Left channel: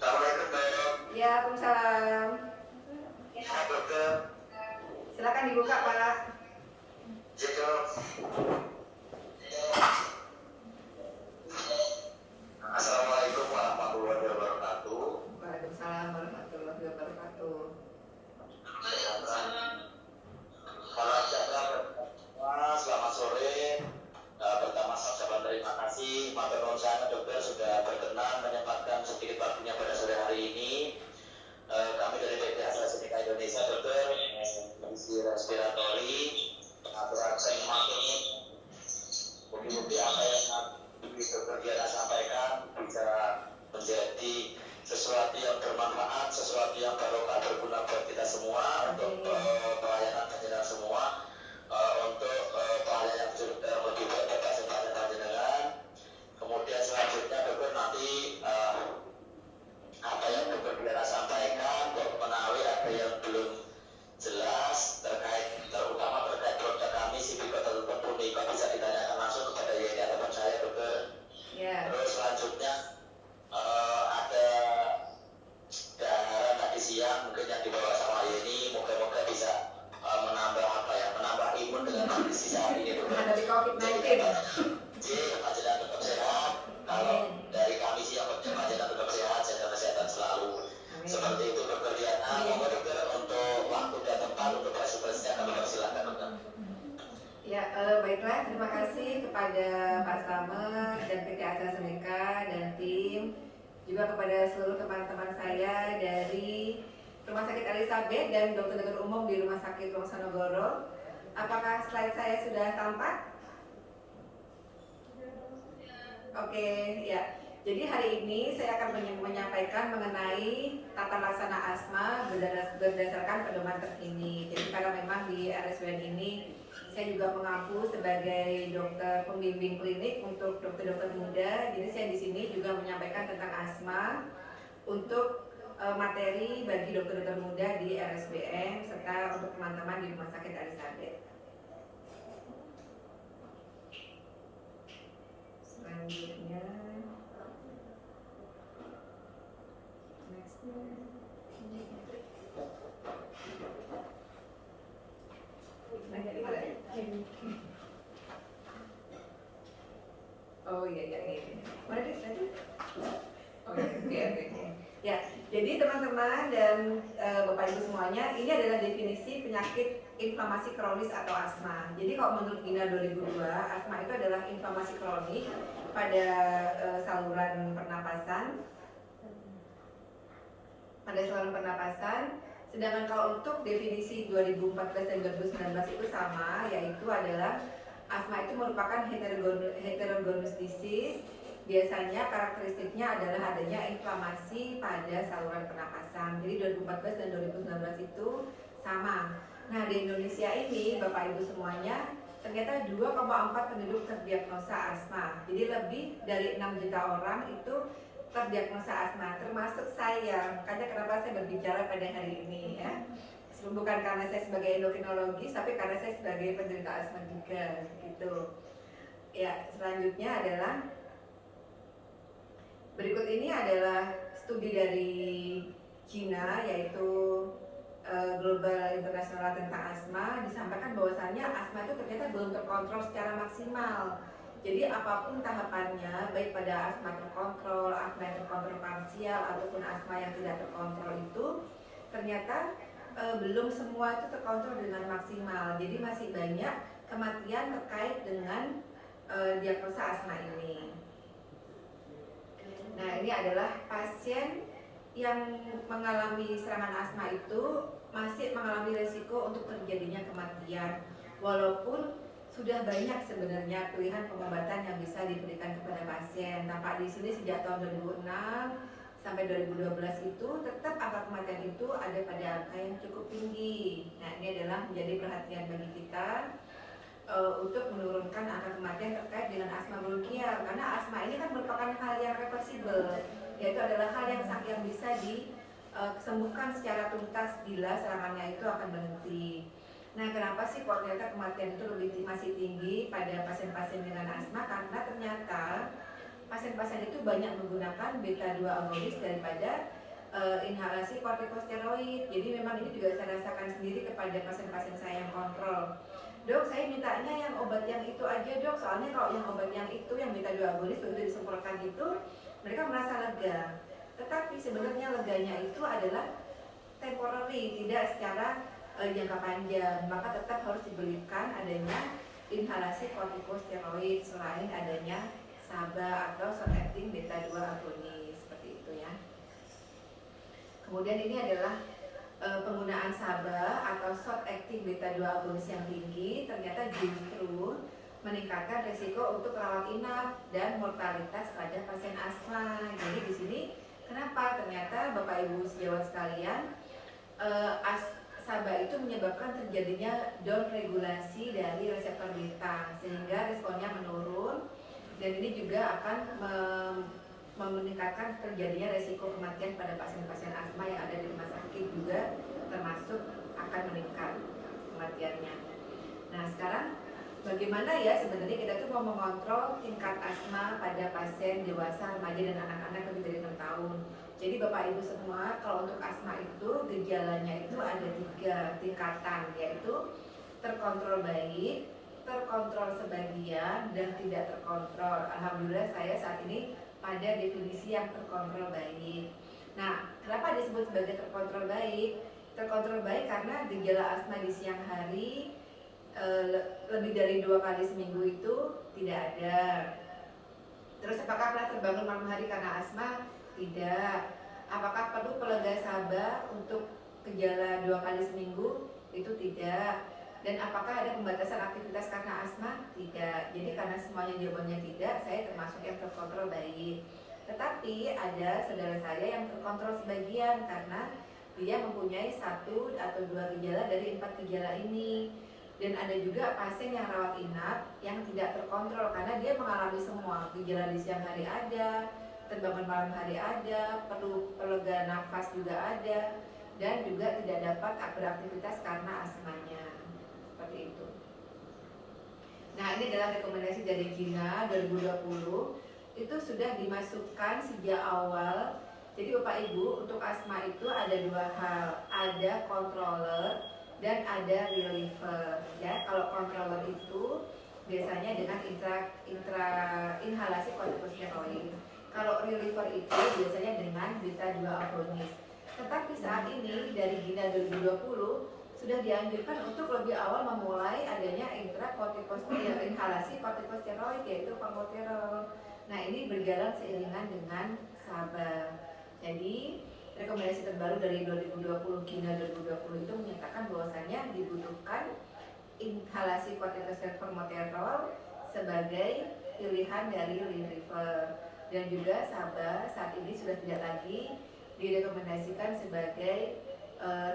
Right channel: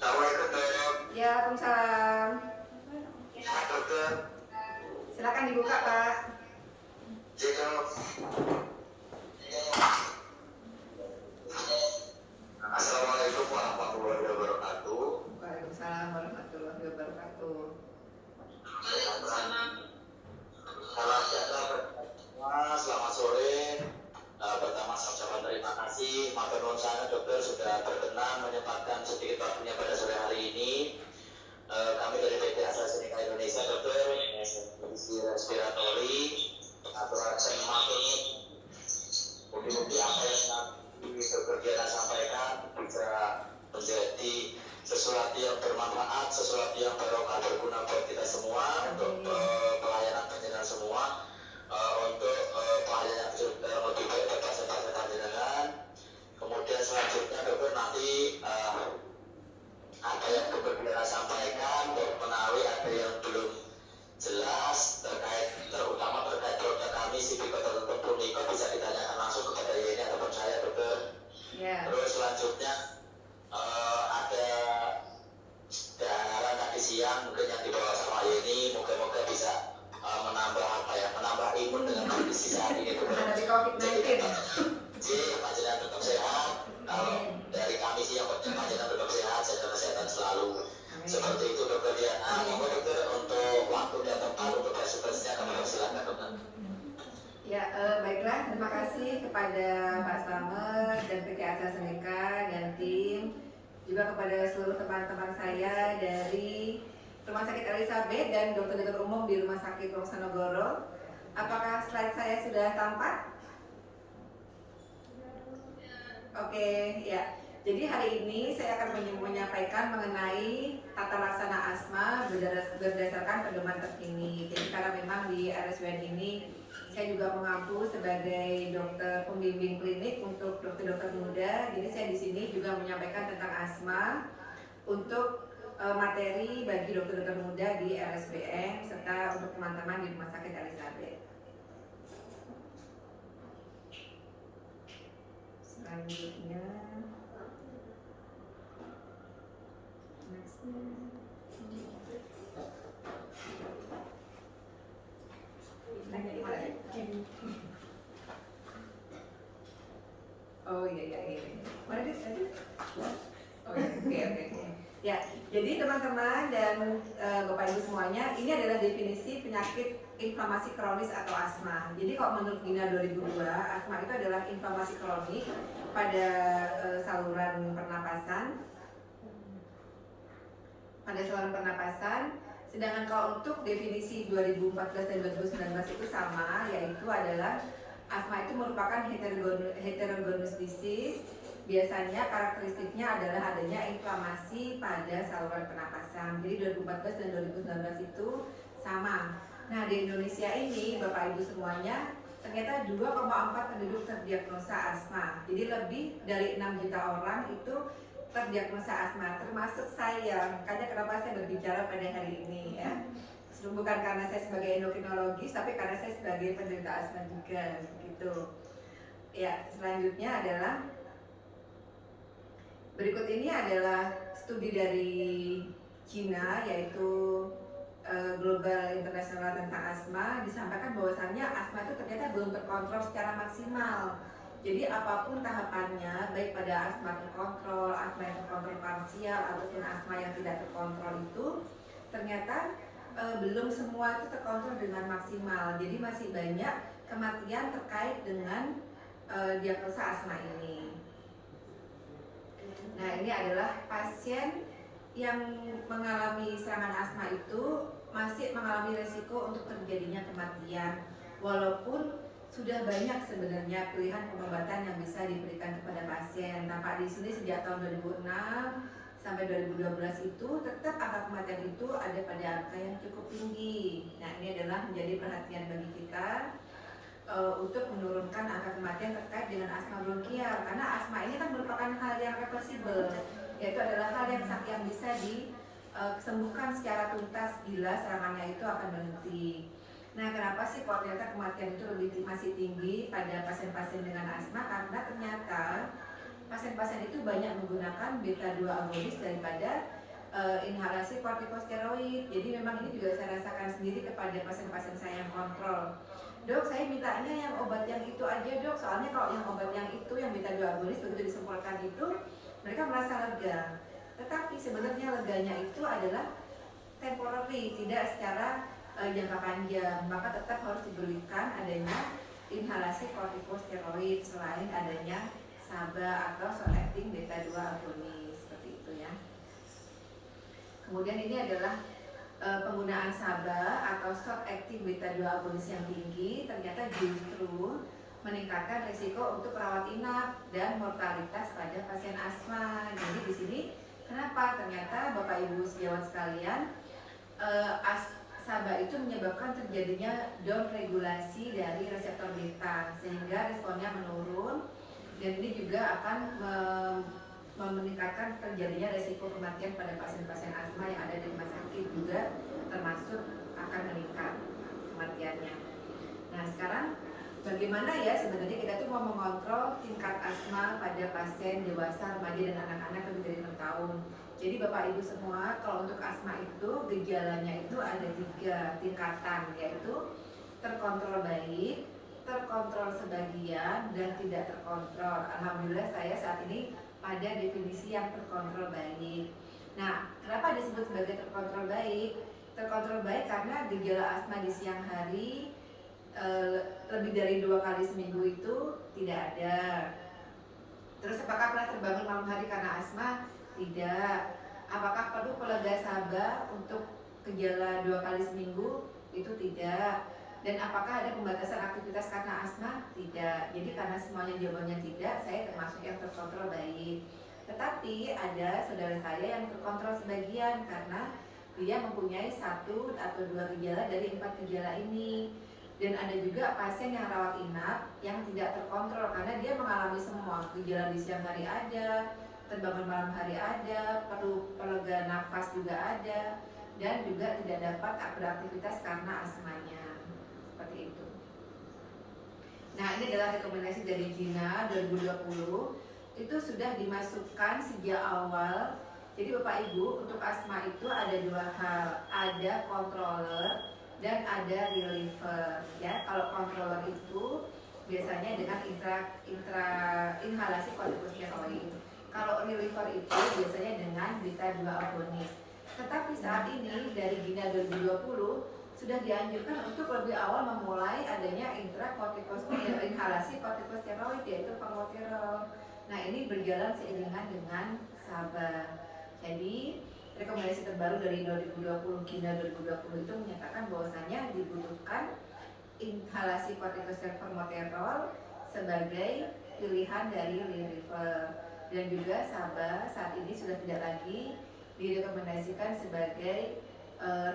Assalamualaikum dok. Ya, Waalaikumsalam. Pak dokter. Silakan dibuka Pak. Ya dok. Assalamualaikum warahmatullahi wabarakatuh. Waalaikumsalam warahmatullahi wabarakatuh. Salam sejahtera semua. Selamat sore. Pertama saya ucapkan terima kasih matur nuwun sangat dokter sudah berkenan menyempatkan sedikit waktunya pada sore hari ini. Kami dari PT AstraZeneca Indonesia dokter divisi respiratori aturakan matur bukti-bukti apa yang nanti dokter Diana sampaikan bisa menjadi sesuatu yang bermanfaat, sesuatu yang barokah berguna buat kita semua untuk pelayanan panjenengan semua. Untuk pelayanan yang lebih baik bagi pasien-pasien panjenengan. Kemudian selanjutnya dokter nanti apa yang dokter Diana sampaikan, dokter menawi ada yang belum jelas terutama terkait produk kami Sibiko tertutup Pumiko bisa ditanyakan langsung kepada Yeni ataupun saya dokter. Terus selanjutnya ada daharan tadi siang mungkin yang dibawa sama Yeni, moga-moga bisa menambah imun dengan kondisi saat ini menghadapi COVID-19. Panjenengan tetap sehat. Kalau dari kami sih yang penting panjenengan tetap sehat, jaga kesehatan selalu. Amin. Seperti itu dokter Diana. Monggo dokter untuk waktu dan tempat untuk presentasinya kami persilakan dokter. Ya, baiklah, terima kasih kepada Pak Slamet dan PT AstraZeneca dan tim, juga kepada seluruh teman-teman saya dari Rumah Sakit Elizabeth dan dokter-dokter umum di Rumah Sakit Wonosobo. Apakah slide saya sudah tampak? Oke, ya. Jadi hari ini saya akan menyampaikan mengenai tata laksana asma berdasarkan pedoman terkini. Jadi karena memang di RSUN ini saya juga mengaku sebagai dokter pembimbing klinik untuk dokter-dokter muda. Jadi saya di sini juga menyampaikan tentang asma untuk materi bagi dokter-dokter muda di RSBN serta untuk teman-teman di Rumah Sakit Elizabeth. Selanjutnya, next. Oh iya ini. Mana dia? Oh iya, oke. Ya, jadi teman-teman dan Bapak Ibu semuanya, ini adalah definisi penyakit inflamasi kronis atau asma. Jadi kalau menurut GINA 2002, asma itu adalah inflamasi kronik pada saluran pernapasan. Sedangkan kalau untuk definisi 2014 dan 2019 itu sama, yaitu adalah asma itu merupakan heterogeneous disease. Biasanya karakteristiknya adalah adanya inflamasi pada saluran pernapasan. Jadi 2014 dan 2019 itu sama. Nah, di Indonesia ini Bapak Ibu semuanya ternyata 2,4 penduduk terdiagnosa asma. Jadi lebih dari 6 juta orang itu terdiagnosa asma, termasuk saya. Makanya kenapa saya berbicara pada hari ini ya. Bukan karena saya sebagai endokrinologis, tapi karena saya sebagai penderita asma juga gitu. Ya, selanjutnya adalah berikut ini adalah studi dari China, yaitu Global International tentang asma. Disampaikan bahwasannya asma itu ternyata belum terkontrol secara maksimal. Jadi apapun tahapannya, baik pada asma terkontrol, asma yang terkontrol parsial, ataupun asma yang tidak terkontrol itu ternyata belum semua itu terkontrol dengan maksimal. Jadi masih banyak kematian terkait dengan diagnosa asma ini. Nah, ini adalah pasien yang mengalami serangan asma itu masih mengalami resiko untuk terjadinya kematian, walaupun sudah banyak sebenarnya pilihan pengobatan yang bisa diberikan kepada pasien. Tampak di sini sejak tahun 2006 sampai 2012 itu tetap angka kematian itu ada pada angka yang cukup tinggi. Nah, ini adalah menjadi perhatian bagi kita untuk menurunkan angka kematian terkait dengan asma bronkial, karena asma ini kan merupakan hal yang reversible, yaitu adalah hal yang bisa disembuhkan secara tuntas bila serangannya itu akan berhenti. Nah, kenapa sih kok ternyata kematian itu masih tinggi pada pasien-pasien dengan asma? Karena ternyata pasien-pasien itu banyak menggunakan beta 2 agonis daripada inhalasi kortikosteroid. Jadi memang ini juga saya rasakan sendiri kepada pasien-pasien saya yang kontrol. Dok, saya mintanya yang obat yang itu aja dok, soalnya kalau yang obat yang itu, yang beta 2 agonis begitu disemprotkan itu, mereka merasa lega. Tetapi sebenarnya leganya itu adalah temporary, tidak secara jangka panjang. Maka tetap harus diberikan adanya inhalasi kortikosteroid selain adanya SABA atau short acting beta 2 agonis, seperti itu ya. Kemudian ini adalah penggunaan SABA atau short acting beta 2 agonis yang tinggi ternyata justru meningkatkan risiko untuk rawat inap dan mortalitas pada pasien asma. Jadi di sini kenapa? Ternyata Bapak Ibu sejawat sekalian, SABA itu menyebabkan terjadinya down regulasi dari reseptor beta sehingga responnya menurun, dan ini juga akan meningkatkan terjadinya resiko kematian pada pasien-pasien asma yang ada di rumah sakit, juga termasuk akan meningkat kematiannya. Nah sekarang bagaimana ya sebenarnya kita tuh mau mengontrol tingkat asma pada pasien dewasa, remaja dan anak-anak lebih dari 6 tahun. Jadi Bapak Ibu semua, kalau untuk asma itu gejalanya itu ada 3 tingkatan, yaitu terkontrol baik, terkontrol sebagian, dan tidak terkontrol. Alhamdulillah saya saat ini pada definisi yang terkontrol baik. Nah, kenapa disebut sebagai terkontrol baik? Terkontrol baik karena gejala asma di siang hari lebih dari 2 kali seminggu itu tidak ada. Terus apakah pernah terbangun malam hari karena asma? Tidak. Apakah perlu pelega SABA untuk gejala 2 kali seminggu? Itu tidak. Dan apakah ada pembatasan aktivitas karena asma? Tidak. Jadi karena semuanya jawabannya tidak, saya termasuk yang terkontrol baik. Tetapi ada saudara saya yang terkontrol sebagian karena dia mempunyai 1 atau 2 gejala dari 4 gejala ini. Dan ada juga pasien yang rawat inap yang tidak terkontrol karena dia mengalami semua. Gejala di siang hari ada, terbangun malam hari ada, perlu pelega nafas juga ada, dan juga tidak dapat beraktivitas karena asmanya. Seperti itu. Nah ini adalah rekomendasi dari Gina 2020. Itu sudah dimasukkan sejak awal. Jadi Bapak Ibu, untuk asma itu ada 2 hal, ada controller dan ada reliever. Ya, kalau controller itu biasanya dengan inhalasi kortikosteroid. Kalau reliever itu biasanya dengan beta 2 agonis. Tetapi saat ini dari Gina 2020 sudah dianjurkan untuk lebih awal memulai adanya inhalasi kortikosteroid, yaitu formoterol. Nah ini berjalan seiringan dengan SABA. Jadi rekomendasi terbaru dari 2020 Gina 2020 itu menyatakan bahwasanya dibutuhkan inhalasi kortikosteroid formoterol sebagai pilihan dari reliever, dan juga SABA saat ini sudah tidak lagi direkomendasikan sebagai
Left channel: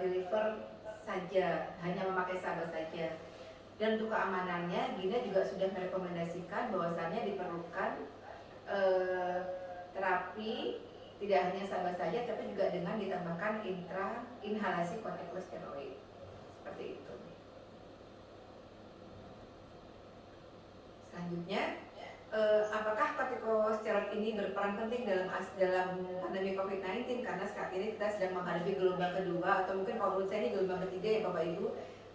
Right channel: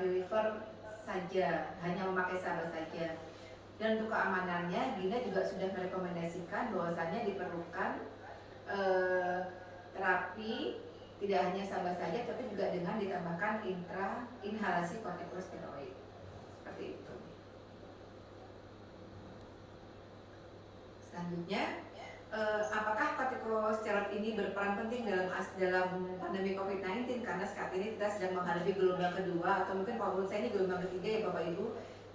reliever saja, hanya memakai SABA saja. Dan untuk keamanannya, Gina juga sudah merekomendasikan bahwasannya diperlukan terapi tidak hanya SABA saja, tapi juga dengan ditambahkan inhalasi kortikosteroid. Seperti itu. Selanjutnya, apakah kortikosteroid ini berperan penting dalam pandemi COVID-19? Karena saat ini kita sedang menghadapi gelombang kedua, atau mungkin kalau menurut saya ini gelombang ketiga ya Bapak Ibu,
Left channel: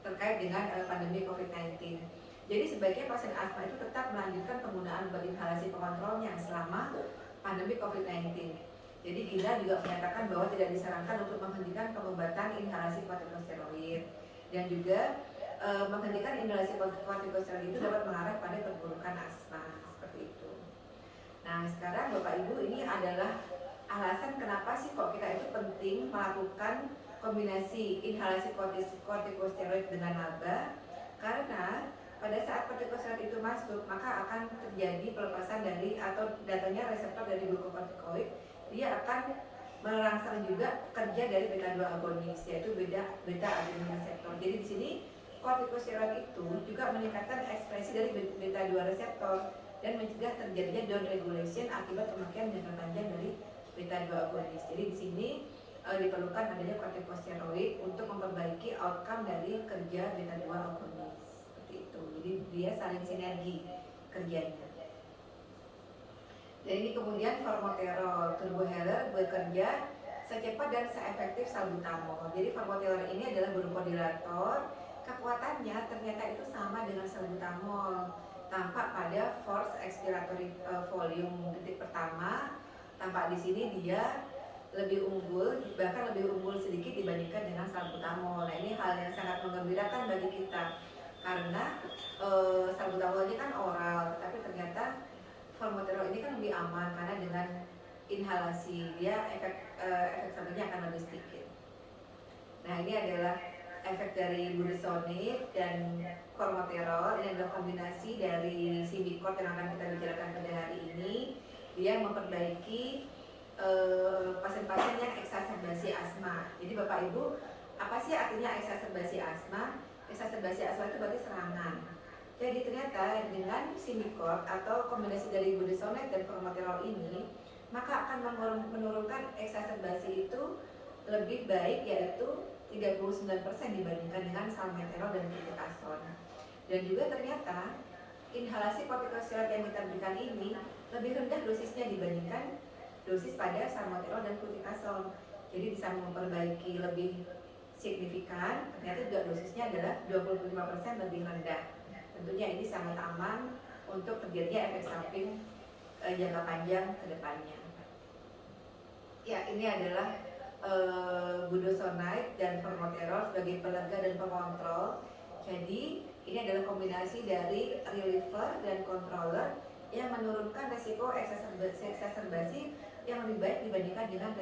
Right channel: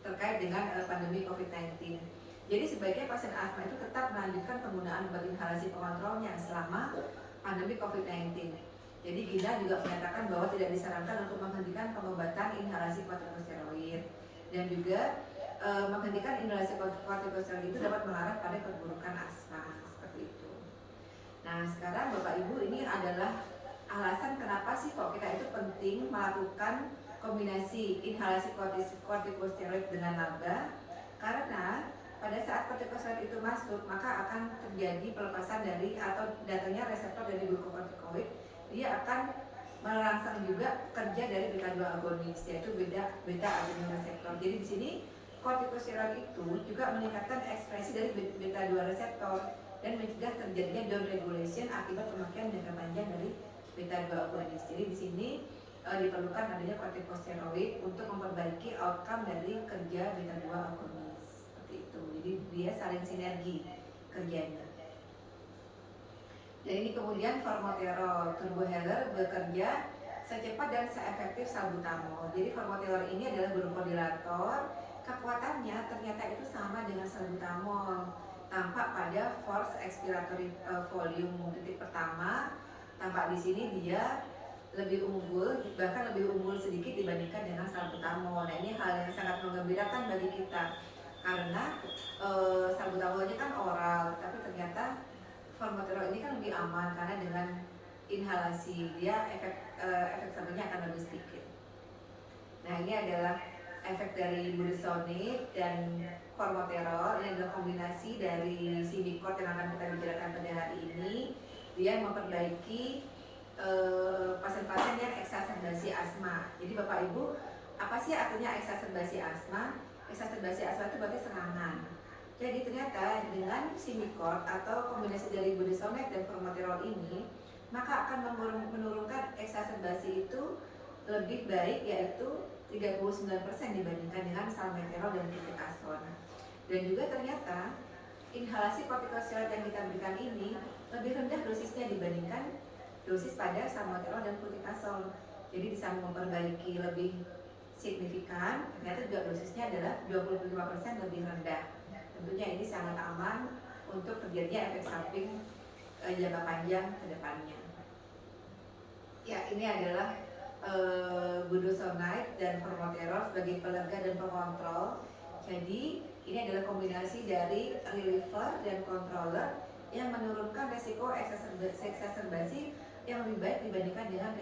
terkait dengan pandemi COVID-19. Jadi sebaiknya pasien asma itu tetap melanjutkan penggunaan obat inhalasi pengontrolnya selama pandemi COVID-19. Jadi Gina juga menyatakan bahwa tidak disarankan untuk menghentikan pengobatan inhalasi kortikosteroid, dan juga menghentikan inhalasi kortikosteroid itu dapat mengarah pada perburukan asma. Nah sekarang Bapak Ibu, ini adalah alasan kenapa sih kok kita itu penting melakukan kombinasi inhalasi kortikosteroid dengan LABA. Karena pada saat kortikosteroid itu masuk, maka akan terjadi pelepasan dari atau datangnya reseptor dari glukokortikoid. Dia akan merangsang juga kerja dari beta 2 agonis, yaitu beta adenin reseptor. Jadi di sini kortikosteroid itu juga meningkatkan ekspresi dari beta 2 reseptor dan mencegah terjadinya down regulation akibat pemakaian jangka panjang dari beta 2 agonis. Jadi di sini diperlukan adanya kortikosteroid untuk memperbaiki outcome dari kerja beta 2 agonis. Seperti itu. Jadi dia saling sinergi kerjanya. Dan ini kemudian formoterol, turbohaler bekerja secepat dan seefektif salbutamol. Jadi formoterol ini adalah bronchodilator. Kekuatannya ternyata itu sama dengan salbutamol. Tampak pada force expiratory volume detik pertama, tampak di sini dia lebih unggul, bahkan lebih unggul sedikit dibandingkan dengan salbutamol. Nah, ini hal yang sangat menggembirakan bagi kita karena salbutamol ini kan oral, tapi ternyata formoterol ini kan lebih aman karena dengan inhalasi dia efek sampingnya akan lebih sedikit. Nah, ini adalah efek dari budesonide dan formoterol. Ini adalah kombinasi dari Symbicort yang akan kita bicarakan pada hari ini. Dia memperbaiki pasien-pasien yang eksaserbasi asma. Jadi Bapak Ibu, apa sih artinya eksaserbasi asma? Eksaserbasi asma itu berarti serangan. Jadi ternyata dengan Symbicort atau kombinasi dari budesonide dan formoterol ini, maka akan menurunkan eksaserbasi itu lebih baik, yaitu 39% dibandingkan dengan salmeterol dan fluticasone. Dan juga ternyata inhalasi kortikosteroid yang kita berikan ini lebih rendah dosisnya dibandingkan dosis pada salmeterol dan fluticasone. Jadi bisa memperbaiki lebih signifikan. Ternyata juga dosisnya adalah 25% lebih rendah. Tentunya ini sangat aman untuk terjadinya efek samping jangka panjang ke depannya. Ya, ini adalah budesonide dan formoterol sebagai pelega dan pengontrol. Jadi ini adalah kombinasi dari reliever dan controller yang menurunkan resiko eksaserbasi yang lebih baik dibandingkan dengan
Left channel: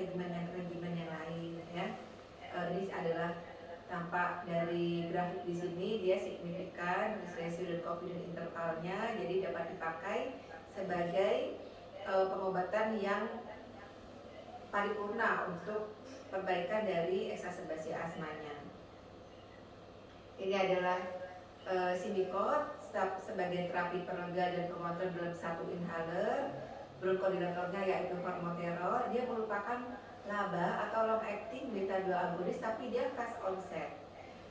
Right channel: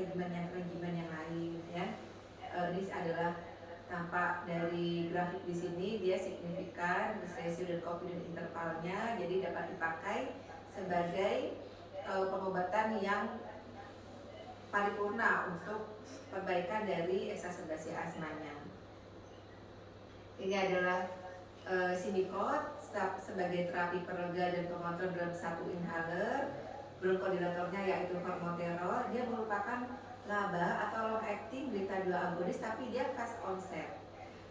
regimen yang lain. Ya, ini adalah tampak dari grafik di sini, dia signifikan ratio dan confidence intervalnya, jadi dapat dipakai sebagai pengobatan yang paripurna untuk perbaikan dari eksaserbasi asmanya. Ini adalah Symbicort sebagai terapi pelega dan pengontrol dalam satu inhaler. Bronchodilatornya yaitu formoterol. Dia merupakan LABA atau long acting beta 2 agonis, tapi dia fast onset.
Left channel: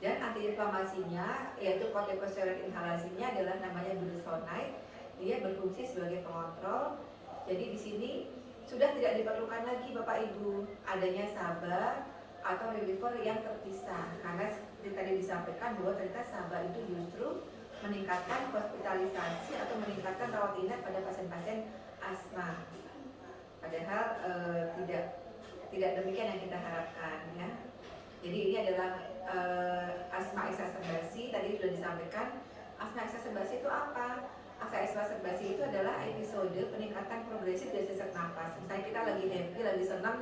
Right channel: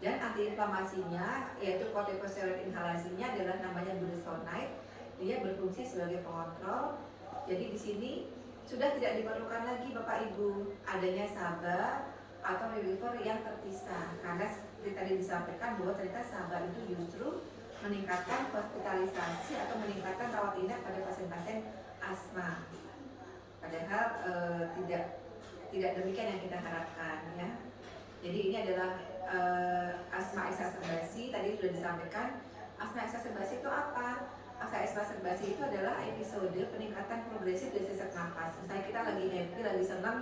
Dan antiinflamasinya yaitu kortikosteroid inhalasinya adalah namanya budesonide. Dia berfungsi sebagai pengontrol. Jadi di sini sudah tidak diperlukan lagi Bapak Ibu adanya SABA atau reliever yang terpisah, karena seperti tadi disampaikan bahwa ternyata SABA itu justru meningkatkan hospitalisasi atau meningkatkan rawat inap pada pasien-pasien asma. Padahal tidak demikian yang kita harapkan, ya. Jadi ini adalah asma eksaserbasi. Tadi sudah disampaikan asma eksaserbasi itu apa? Asma eksaserbasi itu adalah episode peningkatan progresif dari sesak napas. Misalnya kita lagi happy, lagi senang,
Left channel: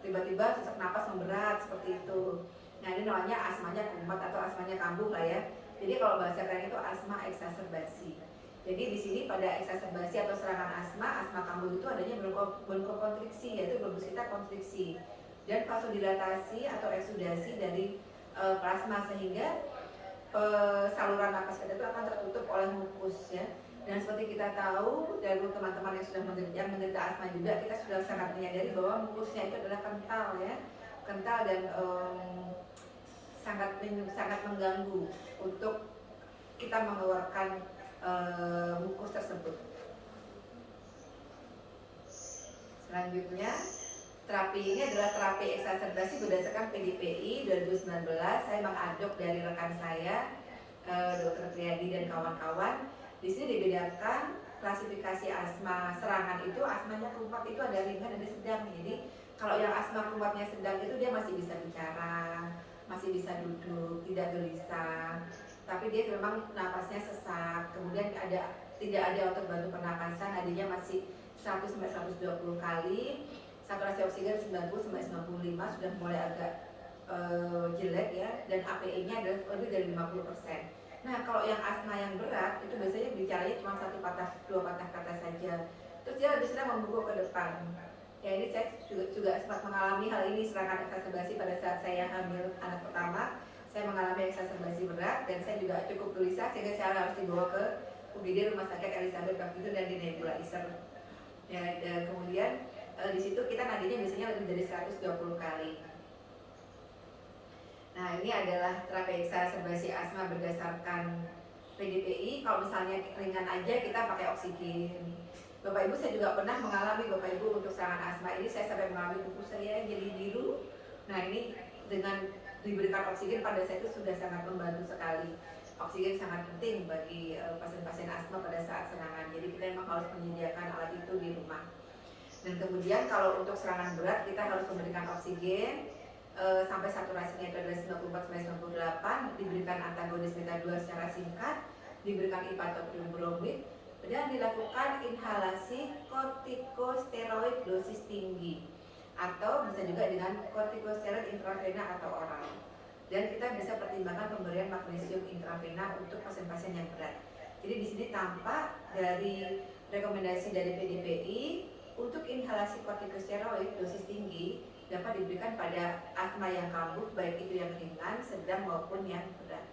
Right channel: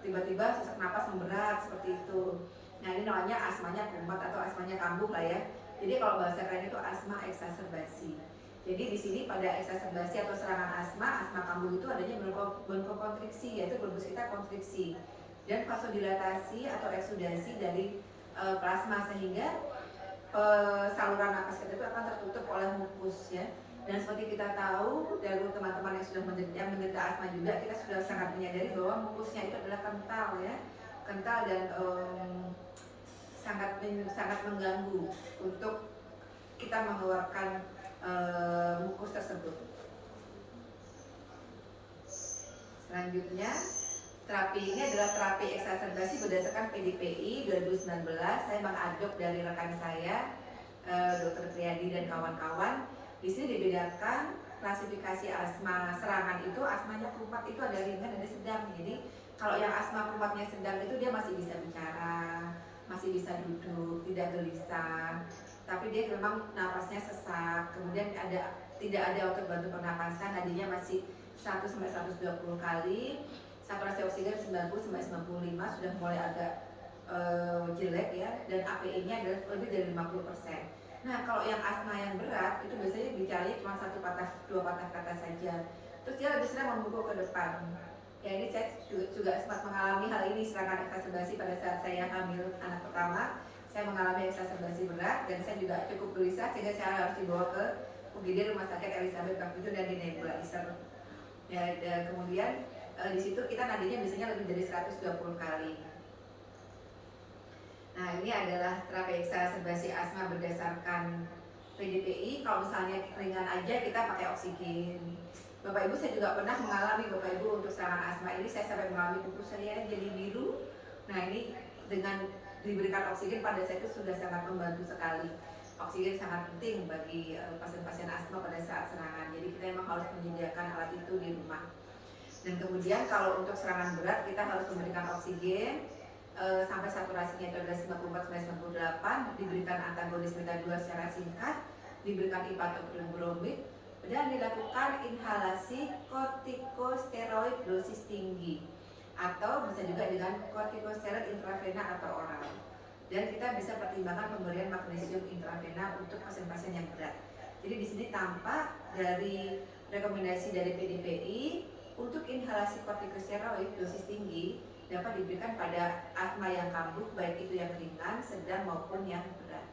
tiba-tiba sesak napas memberat seperti itu. Nah, ini namanya asmanya kumat atau asmanya kambuh lah ya. Jadi kalau bahasa keren itu asma eksaserbasi. Jadi di sini pada eksaserbasi atau serangan asma kambuh itu adanya bronkokonstriksi, yaitu bronkus kita konstriksi, dan vasodilatasi atau eksudasi dari plasma, sehingga saluran napas kita itu akan tertutup oleh mukus, ya. Dan seperti kita tahu dari teman-teman yang sudah menderita asma juga, kita sudah sangat menyadari bahwa mukusnya itu adalah kental, ya, kental dan sangat mengganggu untuk kita mengeluarkan mukus tersebut. Selanjutnya, terapi ini adalah terapi eksaserbasi berdasarkan PDPI 2019. Saya mengadop dari rekan saya, Dr. Priyadi dan kawan-kawan. Di sini dibedakan klasifikasi asma serangan itu, asmanya kumat itu ada ringan, ada sedang. Jadi kalau yang asma kumatnya sedang itu dia masih bisa bicara, masih bisa duduk, tidak gelisah, tapi dia memang napasnya sesak. Kemudian tidak ada otot bantu pernapasan, nadinya masih 100-120 kali, saturasi oksigen 90-95, sudah mulai agak jelek, ya, dan API-nya adalah lebih dari 50%. Nah, kalau yang asma yang berat itu biasanya bicaranya cuma 1 patah 2 patah kata saja. Terus dia lebih senang membungkuk ke depan. Ya, ini saya juga sempat mengalami hal ini, serangan eksaserbasi pada saat saya hamil anak pertama. Saya mengalami eksaserbasi berat dan saya juga cukup gelisah sehingga saya harus dibawa ke UGD Rumah Sakit Elizabeth waktu itu dan di nebulizer. Ya, dan kemudian di situ kita nadinya biasanya lebih dari 120 kali. Nah, ini adalah terapi eksaserbasi asma berdasarkan PDPI. Kalau misalnya ringan aja kita pakai oksigen. Bapak Ibu, saya juga pernah mengalami Bapak Ibu untuk serangan asma ini, saya sampai mengalami kuku saya jadi biru. Nah ini dengan diberikan oksigen pada saya itu sudah sangat membantu sekali. Oksigen sangat penting bagi pasien-pasien asma pada saat serangan. Jadi kita memang harus menyediakan alat itu di rumah. Dan kemudian kalau untuk serangan berat kita harus memberikan oksigen sampai saturasinya itu adalah 94-98, diberikan antagonis beta 2 secara singkat, diberikan ipatopril bromid, dan dilakukan inhalasi kortikosteroid dosis tinggi atau bisa juga dengan kortikosteroid intravena atau oral. Dan kita bisa pertimbangkan pemberian magnesium intravena untuk pasien-pasien yang berat. Jadi di sini tampak dari rekomendasi dari PDPI untuk inhalasi kortikosteroid dosis tinggi dapat diberikan pada asma yang kambuh, baik itu yang ringan, sedang maupun yang berat.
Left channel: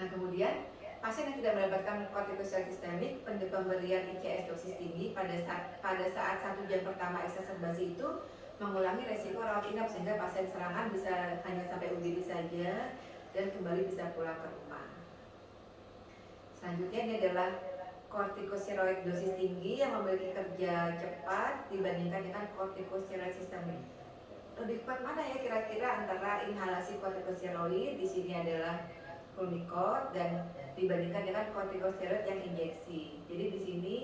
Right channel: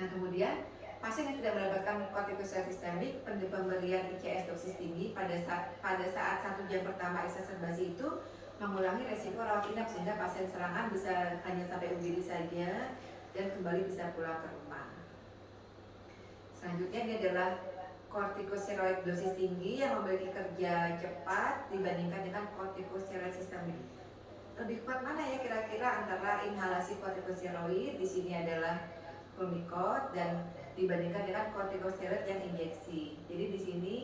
Nah kemudian pasien yang tidak mendapatkan kortikosteroid sistemik, pemberian ICS dosis tinggi pada saat 1 jam pertama eksaserbasi itu mengurangi resiko rawat inap sehingga pasien serangan bisa hanya sampai UGD saja dan kembali bisa pulang ke rumah. Selanjutnya ini adalah kortikosteroid dosis tinggi yang memiliki kerja cepat dibandingkan dengan kortikosteroid sistemik. Lebih kuat mana ya kira-kira antara inhalasi kortikosteroid, di sini adalah Pulmicort, dan dibandingkan dengan kortikosteroid yang injeksi. Jadi di sini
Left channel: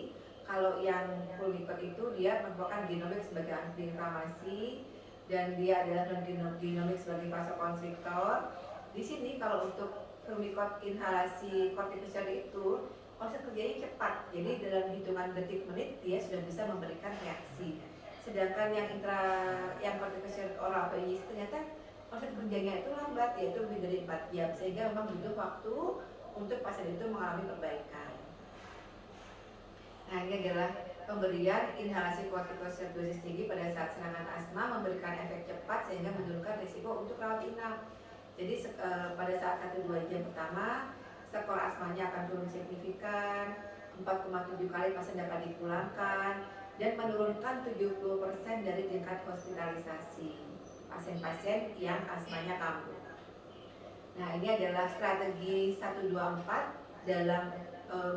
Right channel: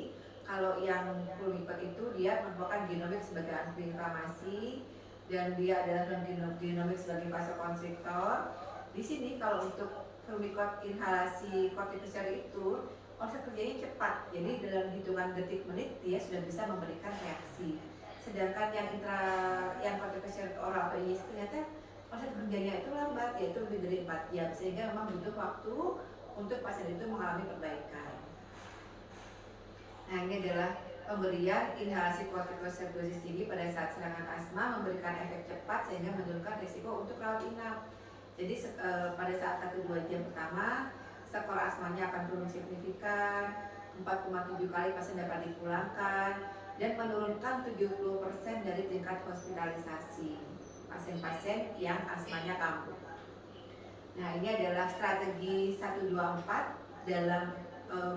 kalau yang Pulmicort itu dia merupakan genomik sebagai antiinflamasi dan dia adalah non genomik sebagai vasokonstriktor. Di sini kalau untuk Pulmicort inhalasi kortikosteroid itu proses kerjanya cepat. Jadi dalam hitungan detik menit dia sudah bisa memberikan reaksi. Sedangkan yang kortikosteroid oral atau injeksi ternyata proses kerjanya itu lambat, yaitu lebih dari 4 jam, sehingga memang butuh waktu untuk pasien itu mengalami perbaikan. Nah ini adalah pemberian inhalasi kortikosteroid dosis tinggi pada saat serangan asma memberikan efek cepat sehingga menurunkan risiko untuk rawat inap. Jadi pada saat 1-2 jam pertama skor asmanya akan turun signifikan, 4,7 kali pasien dapat dipulangkan, dan menurunkan 70% dari tingkat hospitalisasi pasien-pasien yang asmanya kambuh. Nah ini adalah strategi 124 dalam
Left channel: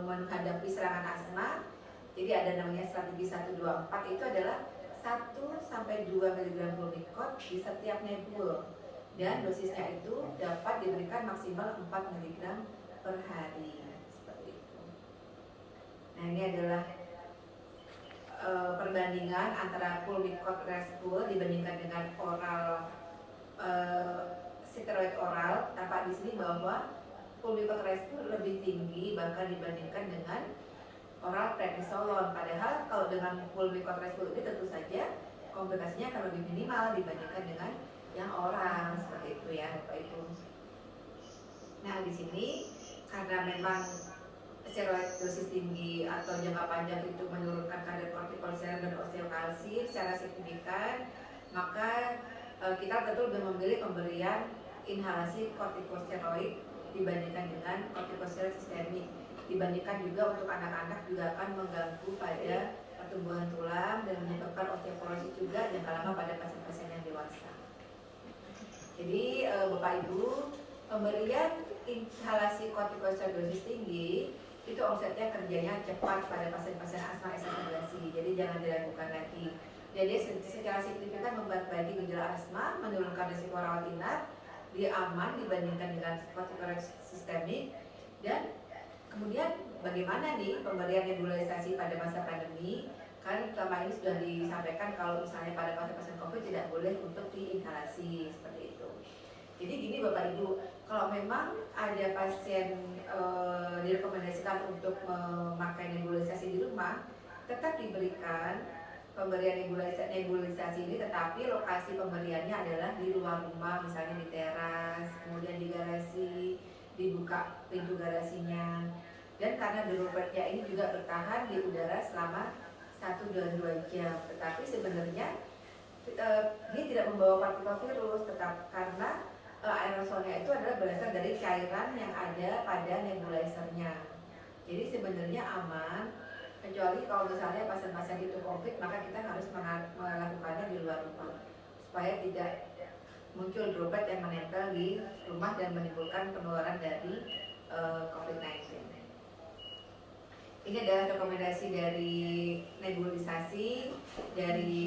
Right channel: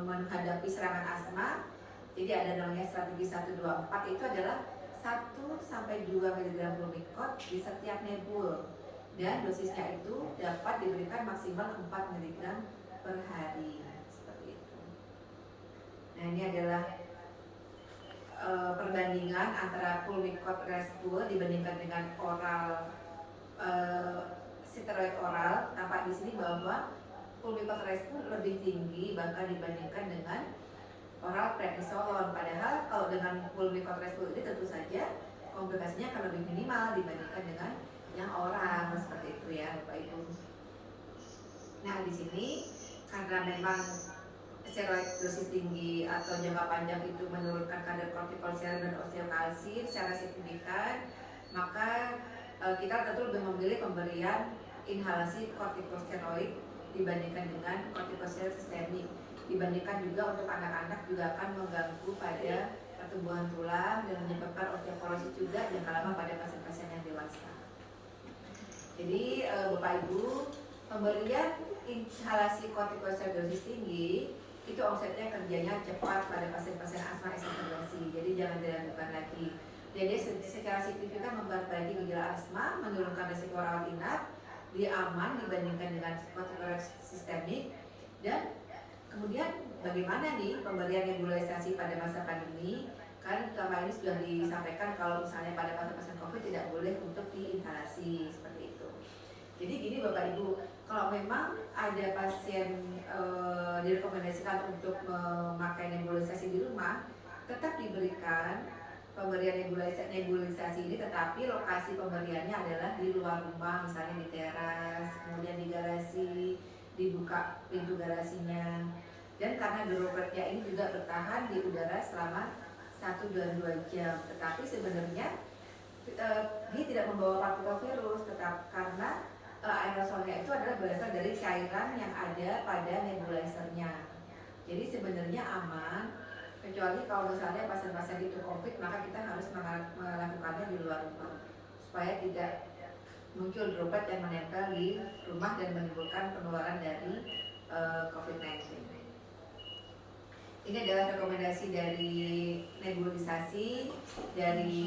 menghadapi serangan asma. Jadi ada namanya strategi 124, itu adalah 1-2 mg Pulmicort di setiap nebul, dan dosisnya itu dapat diberikan maksimal 4 mg per hari, seperti itu. Nah ini adalah perbandingan antara Pulmicort Respules dibandingkan dengan oral steroid oral. Tampak di sini bahwa Pulmicort Respules lebih tinggi bahkan dibandingkan dengan oral prednisolon. Padahal kalau dengan Pulmicort Respules ini tentu saja komplikasinya akan lebih minimal dibandingkan dengan yang oral, seperti itu ya Bapak Ibu. Nah di sini karena memang steroid dosis tinggi atau jangka panjang itu menurunkan kadar kortikosteroid dan osteokalsin secara signifikan, maka kita tentu lebih memilih pemberian inhalasi kortikosteroid dibandingkan dengan kortikosteroid sistemik. Dibandingkan juga untuk anak-anak juga akan mengganggu pada pertumbuhan tulang dan menyebabkan osteoporosis juga jangka lama pada pasien-pasien yang dewasa. Jadi Bapak Ibu, pemberian inhalasi kortikosteroid dosis tinggi itu omsetnya kerjanya cepat pada pasien-pasien asma eksaserbasi. Jadi jangan diragukan lagi. Jadi secara signifikan memperbaiki gejala asma, menurunkan risiko rawat inap, dia aman dibandingkan dengan kortikosteroid sistemik. Dan kemudian bagaimana nih pemberian nebulisasi pada masa pandemi? Kan selama ini sudah disampaikan kalau misalnya pada pasien-pasien COVID tidak boleh untuk diinhalasi, seperti itu. Jadi gini Bapak Ibu, kalau memang ada pasien direkomendasikan untuk memakai nebulisasi di rumah, tetap diberikan pemberian nebulisasi ini, tetapi lokasi pemberiannya adalah di luar rumah, misalnya di teras, kemudian di garasi, dibuka pintu garasinya. Dan karena dropletnya ini juga bertahan di udara selama 1-2 jam, tetapi sebenarnya dia tidak membawa partikel virus, tetap karena aerosolnya itu adalah berasal dari cairan yang ada pada nebulizer-nya. Jadi sebenarnya aman, kecuali kalau misalnya pasien-pasien itu COVID, maka kita harus melakukannya di luar rumah supaya tidak muncul droplet yang menempel di rumah dan menimbulkan penularan dari COVID-19. Ini adalah rekomendasi dari nebulisasi dari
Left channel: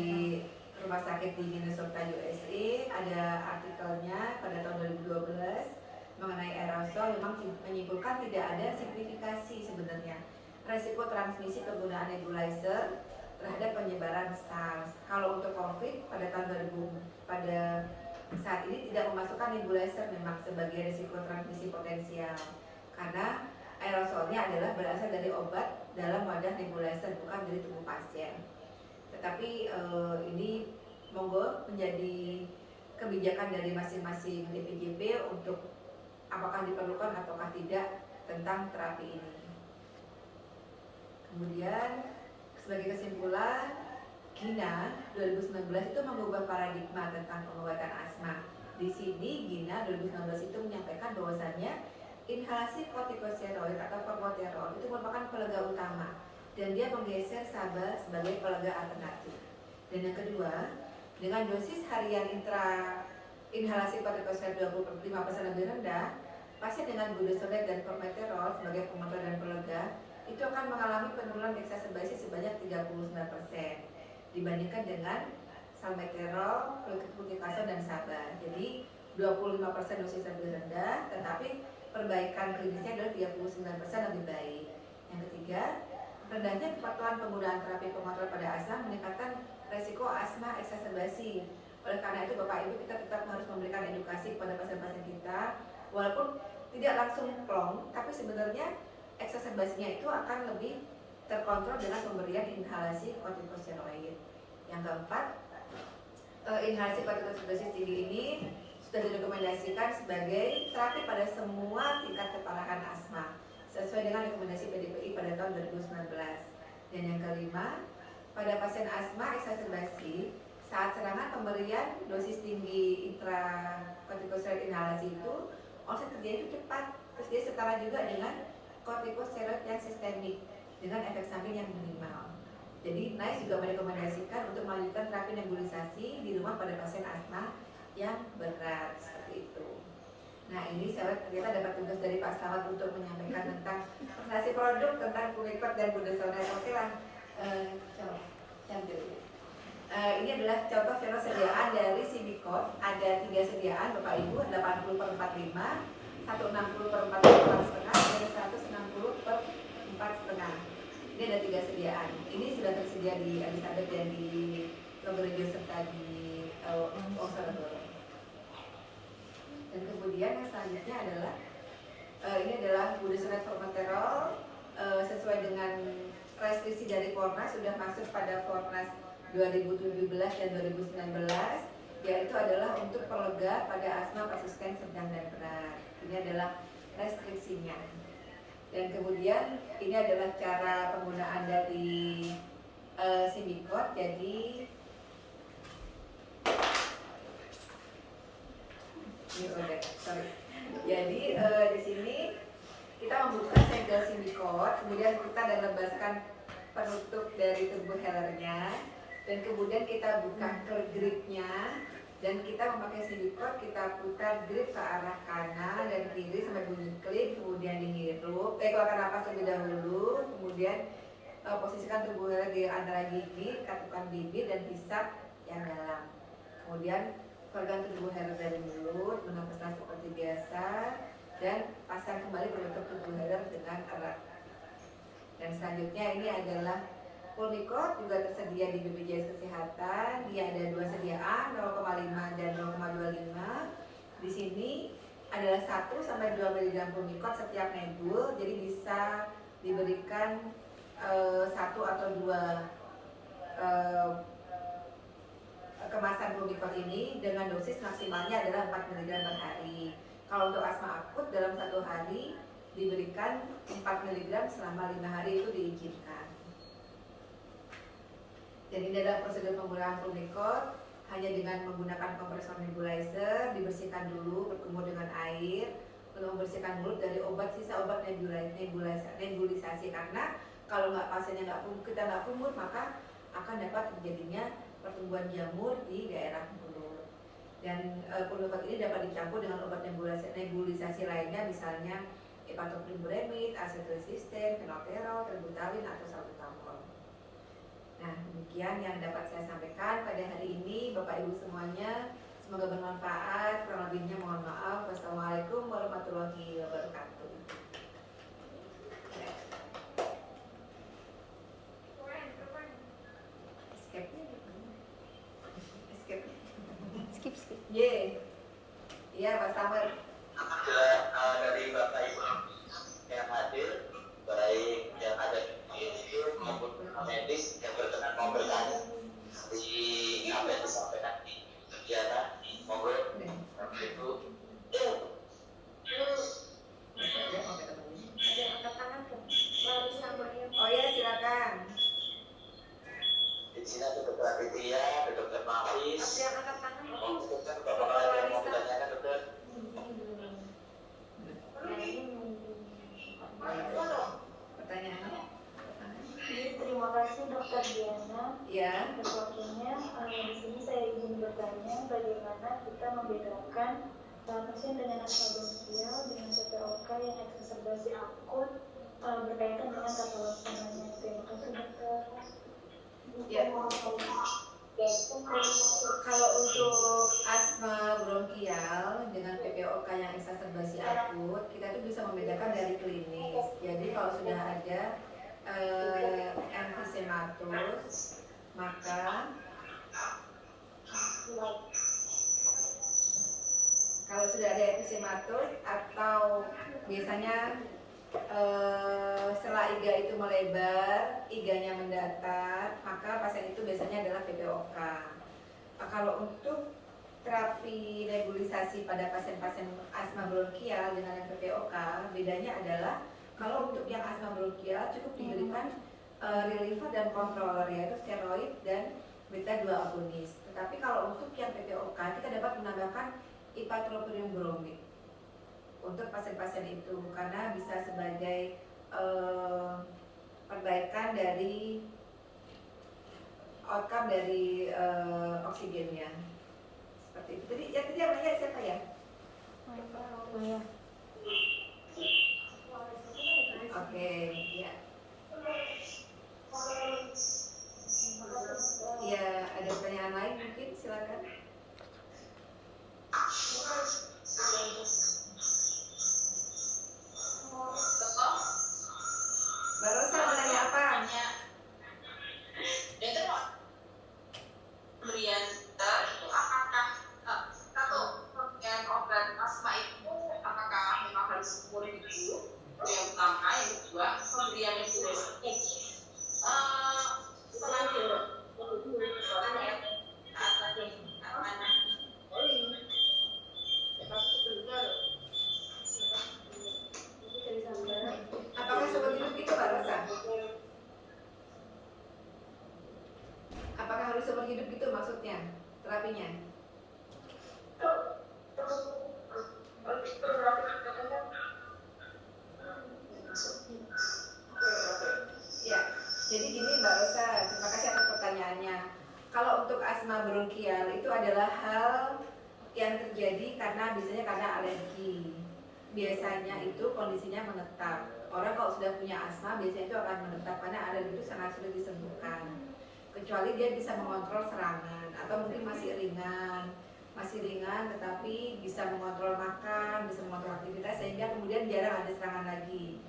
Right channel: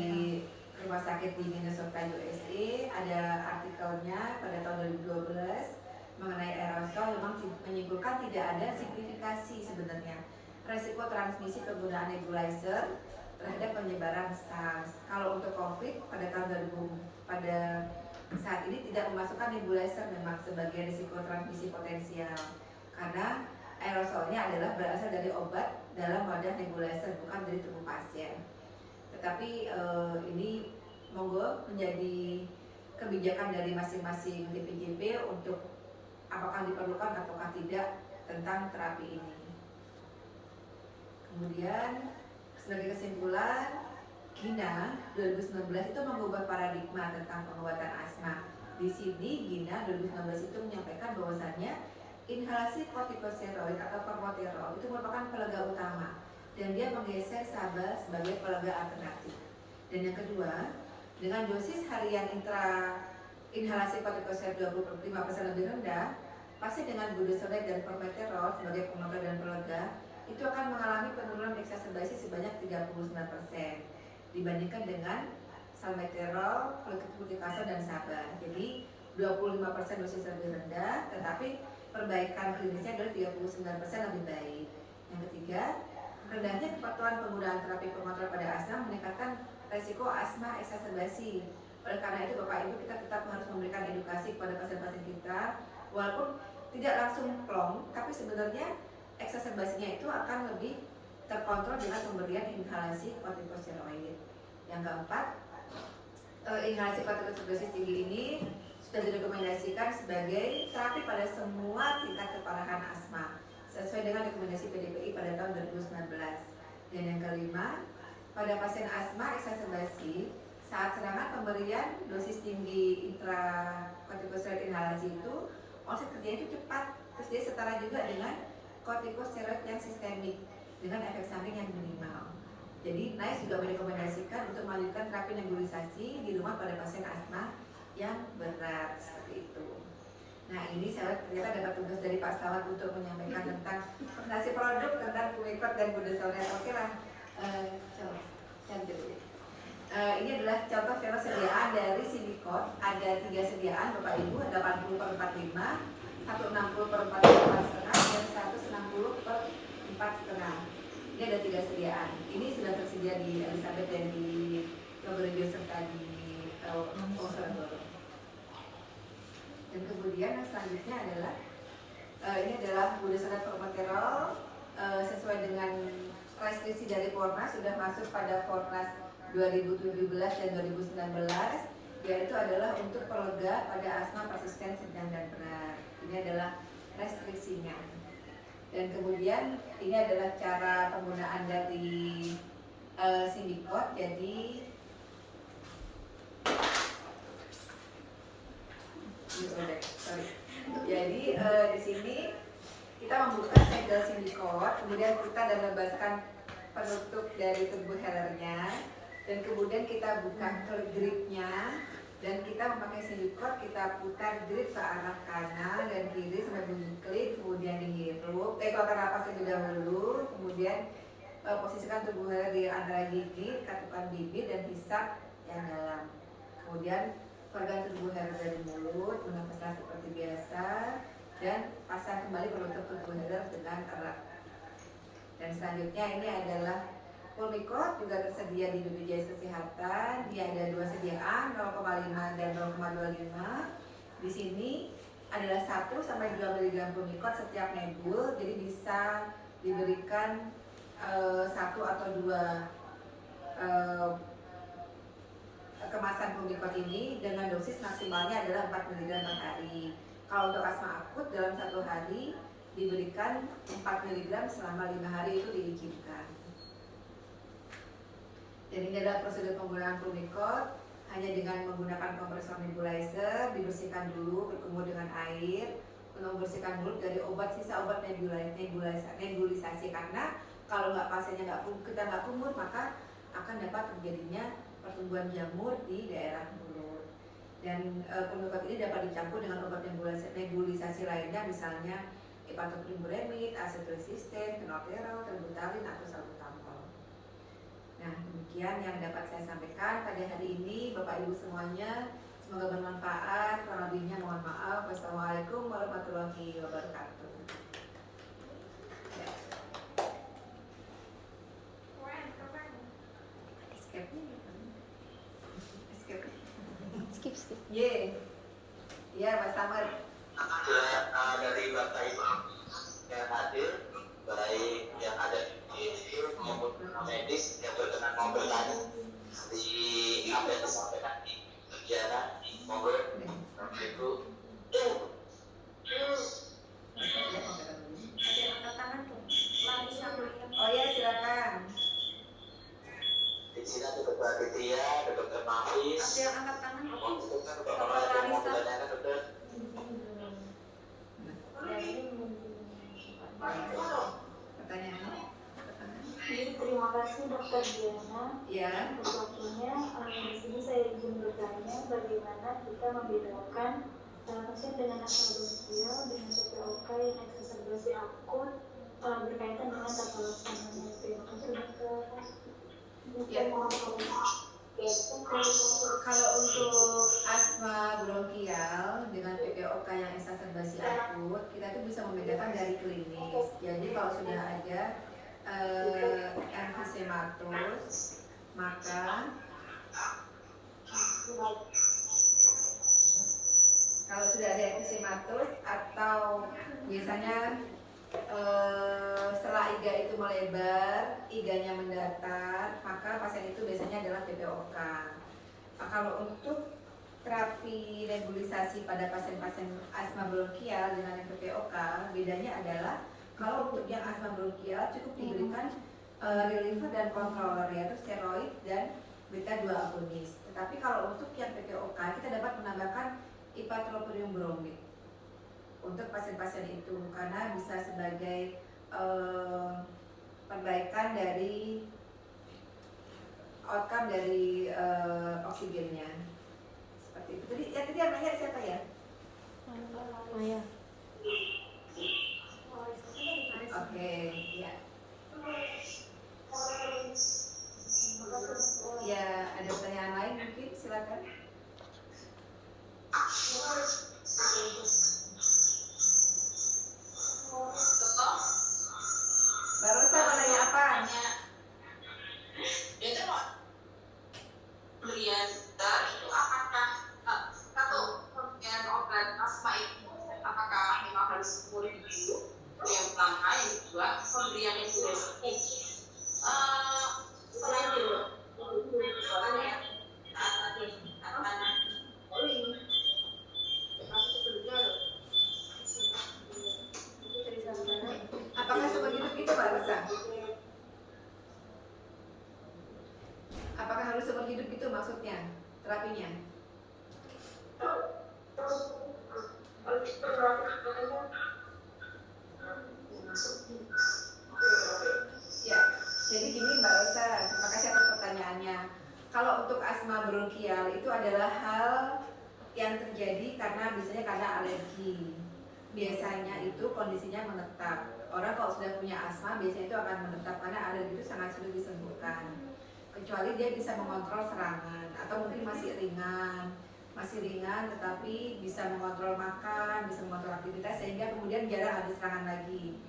Rumah Sakit di Minnesota USA. Ada artikelnya pada tahun 2012 mengenai aerosol, memang menyimpulkan tidak ada signifikasi sebenarnya resiko transmisi penggunaan nebulizer terhadap penyebaran SARS. Kalau untuk COVID pada tahun 2000 pada saat ini tidak memasukkan nebulizer memang sebagai risiko transmisi potensial karena aerosolnya adalah berasal dari obat dalam wadah nebulizer, bukan dari tubuh pasien. Tetapi ini monggo menjadi kebijakan dari masing-masing DPJP untuk apakah diperlukan ataukah tidak tentang terapi ini. Kemudian sebagai kesimpulan, GINA 2019 itu mengubah paradigma tentang pengobatan asma. Di sini GINA 2019 itu menyampaikan bahwasannya inhalasi kortikosteroid atau formoterol itu merupakan pelega utama dan dia menggeser SABA sebagai pelega alternatif. Dan yang kedua, dengan dosis harian inhalasi kortikosteroid 25% lebih rendah, pasien dengan budesonide dan formoterol sebagai pengontrol dan pelega itu akan mengalami penurunan eksaserbasi sebanyak 39% dibandingkan dengan salmeterol, fluticasone dan SABA. Jadi 25% dosis lebih rendah, tetapi perbaikan klinisnya adalah 39% lebih baik. Yang ketiga, rendahnya kepatuhan penggunaan terapi pengontrol pada asma meningkatkan resiko asma eksaserbasi. Oleh karena itu Bapak Ibu, kita tetap harus memberikan edukasi kepada pasien-pasien kita, walaupun tidak langsung plong, tapi sebenarnya eksaserbasinya itu akan lebih terkontrol dengan pemberian inhalasi kortikosteroid. Yang keempat, inhalasi kortikosteroid tinggi ini sudah direkomendasikan sebagai terapi pada semua tingkat keparahan asma sesuai dengan rekomendasi PDPI pada tahun 2019. Dan yang kelima, pada pasien asma eksaserbasi saat serangan pemberian dosis tinggi intrakortikosteroid inhalasi itu onset kerjanya itu cepat, terus dia setara juga dengan kortikosteroid yang sistemik dengan efek samping yang minimal. Jadi NICE juga merekomendasikan untuk melanjutkan terapi nebulisasi di rumah pada pasien asma yang berat seperti itu. Nah ini saya ternyata dapat tugas dari Pak Slamet untuk menyampaikan tentang presentasi produk tentang Pumicort dan budesonide. Oke lah, ini adalah contoh film sediaan dari Symbicort. Ada 3 sediaan Bapak Ibu, 80/45, 160/45,5 dan 160/4,5. Ini ada 3 sediaan. Ini sudah tersedia di Elizabeth dan di Progerio serta di Wonosobo. Dan kemudian yang selanjutnya adalah ini adalah budesonide formoterol sesuai dengan restriksi dari Fornas, sudah masuk pada Fornas 2017 dan 2019, yaitu adalah untuk pelega pada asma persisten sedang dan berat. Ini adalah restriksinya. Dan kemudian ini adalah cara penggunaan dari Symbicort. Jadi di sini kita membuka segel Symbicort, kemudian kita lepaskan penutup dari tubuh hellernya, dan kemudian kita buka gripnya, dan kita memakai Symbicort, kita putar grip ke arah kanan dan kiri sampai bunyi klik, kemudian dihirup, keluarkan napas terlebih dahulu, kemudian posisikan tubuh heller di antara gigi, katukan bibir dan hisap yang dalam. Kemudian pegang tubuh heller dari mulut, bernafaslah seperti biasa, dan pasang kembali penutup tubuh heller dengan erat. Dan selanjutnya ini adalah Pumicort, juga tersedia di BPJS Kesehatan. Dia ada 2 sediaan, 0,5 dan 0,25. Di sini adalah 1 sampai 2 mg Pumicort setiap nebul, jadi bisa diberikan 1 atau 2 kemasan Pumicort ini dengan dosis maksimalnya adalah 4 mg per hari. Kalau untuk asma akut dalam 1 hari diberikan 4 mg selama 5 hari itu diizinkan. Jadi ini adalah prosedur penggunaan Pumicort, hanya dengan menggunakan kompresor nebulizer, dibersihkan dulu, berkumur dengan air, untuk membersihkan mulut dari sisa obat nebulisasi, karena kalau pasiennya kita nggak kumur, maka akan dapat terjadinya pertumbuhan jamur di daerah mulut. Dan Pumicort ini dapat dicampur dengan obat nebulisasi lainnya, misalnya hepatoprem buremit, acetoresisten, fenoterol, terbutalin atau salbutamol. Nah, demikian yang dapat saya sampaikan pada hari ini, Bapak Ibu semuanya. Semoga bermanfaat. Kurang lebihnya mohon maaf. Wassalamualaikum warahmatullahi wabarakatuh. Ya. Skip. Ye. Iya, Pak Samar. Dari Bapak Ibu yang hadir, baik yang ada di sini maupun medis yang berkenan mau bertanya di apa yang disampaikan di kegiatan, monggo Bapak Ibu. Ada angkat tangan tuh. Larissa Maria. Oh ya, silakan. Di sini ada Dokter Aditya, ada Dokter Nafis. Ada yang angkat tangan. Monggo dokter, Bapak ada yang mau ditanyakan dokter? Pertanyaannya? Terima kasih Dokter Diana. Ya. Atas waktunya. Di sini saya ingin bertanya bagaimana kita membedakan pasien dengan asma bronkial dengan PPOK yang eksaserbasi akut berkaitan dengan tata laksananya. Terima kasih dokter. Ya. Kalau untuk asma bronkial dengan PPOK yang eksaserbasi akut, kita tuh bisa membedakan dari klinis. Jadi kalau sudah ada emfisematus, maka kalau sudah ada emfisematus atau biasanya setelah iga itu melebar, iganya mendatar, maka pasien itu biasanya adalah PPOK. Nah, kalau untuk terapi nebulisasi pada pasien-pasien asma bronkial dengan PPOK, bedanya adalah kalau untuk yang asma bronkial cukup diberikan reliever dan controller, yaitu steroid dan beta 2 agonis. Tetapi kalau untuk yang PPOK kita dapat menambahkan ipratropium bromid untuk pasien-pasien itu karena bisa sebagai perbaikan dari outcome dari oksigennya. Seperti itu. Tadi yang nanya siapa ya? Maya. Oke, ya. Ya, ada pertanyaan lain mungkin silakan. Mbak Rosa mau nanya apa? Pemberian itu apakah kalau pemberian obat asma itu apakah memang harus umur itu yang pertama, yang kedua pemberian yang sudah setelah Apakah seumur hidup itu Mbak Rosa? Apakah harus seumur hidup itu maksudnya terapinya? Ya, jadi gini Mbak Rosa, terima kasih atas pertanyaannya. Kalau untuk asma bronkial itu adalah hal yang terjadi karena alergi. Biasanya itu kondisinya menetap. Orang kalau sudah punya asma biasanya itu akan menetap karena alergi itu sangat sulit disembuhkan. Kecuali dia bisa mengontrol serangan atau mungkin masih ringan tetapi bisa mengontrol makan, bisa mengontrol aktivitas sehingga kemudian jarang ada serangan lagi.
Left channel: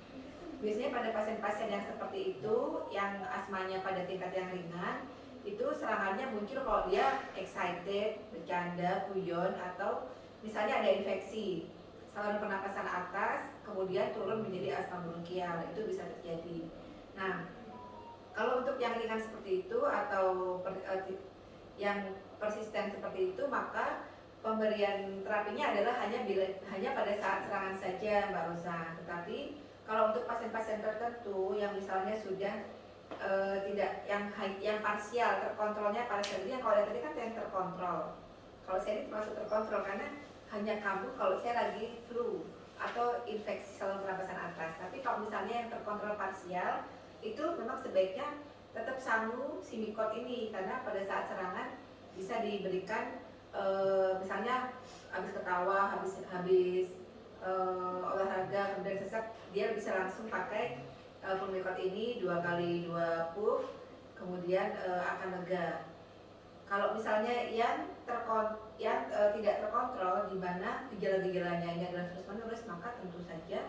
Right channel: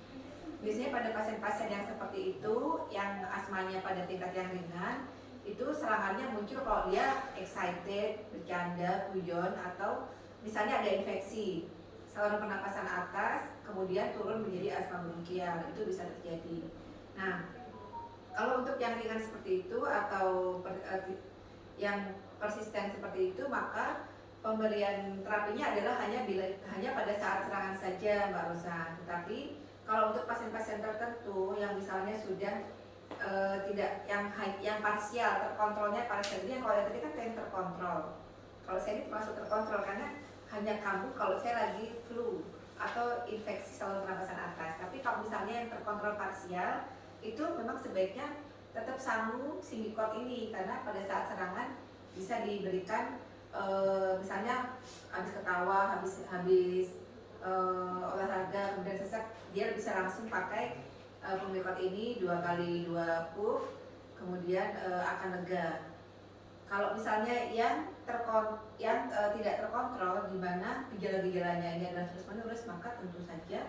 Biasanya pada pasien-pasien yang seperti itu, yang asmanya pada tingkat yang ringan, itu serangannya muncul kalau dia excited, bercanda, guyon, atau misalnya ada infeksi saluran pernapasan atas, kemudian turun menjadi asma bronkial, itu bisa terjadi. Nah, kalau untuk yang ringan seperti itu atau yang persisten seperti itu, maka pemberian terapinya adalah hanya pada saat serangan saja, Mbak Rosa. Tetapi kalau untuk pasien-pasien tertentu yang misalnya sudah tidak yang parsial terkontrolnya parsial, ini yang kalau tadi kan yang terkontrol. Kalau saya ini termasuk terkontrol karena hanya kambuh kalau saya lagi flu atau infeksi saluran pernapasan atas. Tapi kalau misalnya yang terkontrol parsial itu memang sebaiknya tetap sanggup simikot ini karena pada saat serangan bisa diberikan misalnya habis ketawa, habis olahraga kemudian sesak, dia bisa langsung pakai pemikot ini 2 kali 2 puff, kemudian akan lega. Kalau misalnya yang tidak terkontrol, di mana gejala-gejalanya ini adalah terus-menerus, maka tentu saja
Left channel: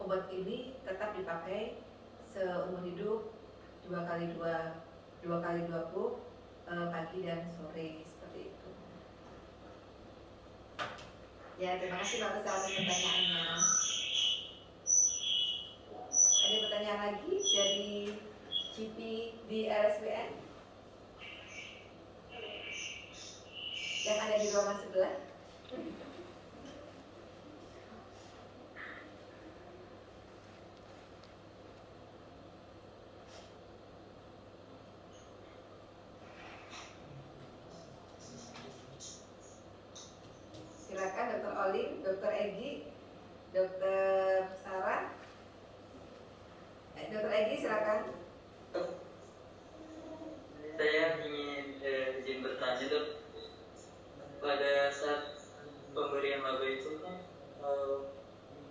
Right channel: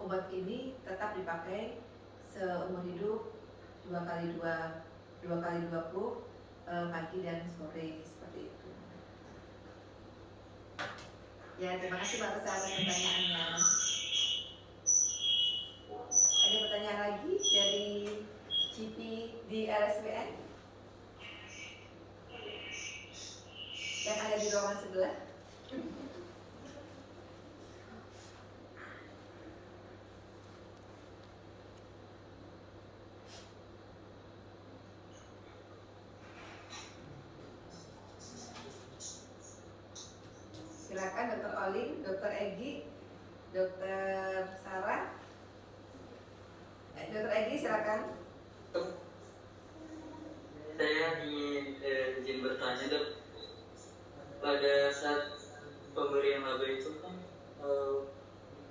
obat ini tetap dipakai seumur hidup 2 kali 2 puff pagi dan sore, seperti itu. Ya, terima kasih Mbak Resa atas pertanyaannya. Ada pertanyaan lagi dari GP di RSWN yang ada di ruangan sebelah? Silakan Dr. Olin, Dr. Egi, Dr. Sarah. Dr. Egi silakan. Saya ingin izin bertanya dok, pada saat pemberian laba itu kan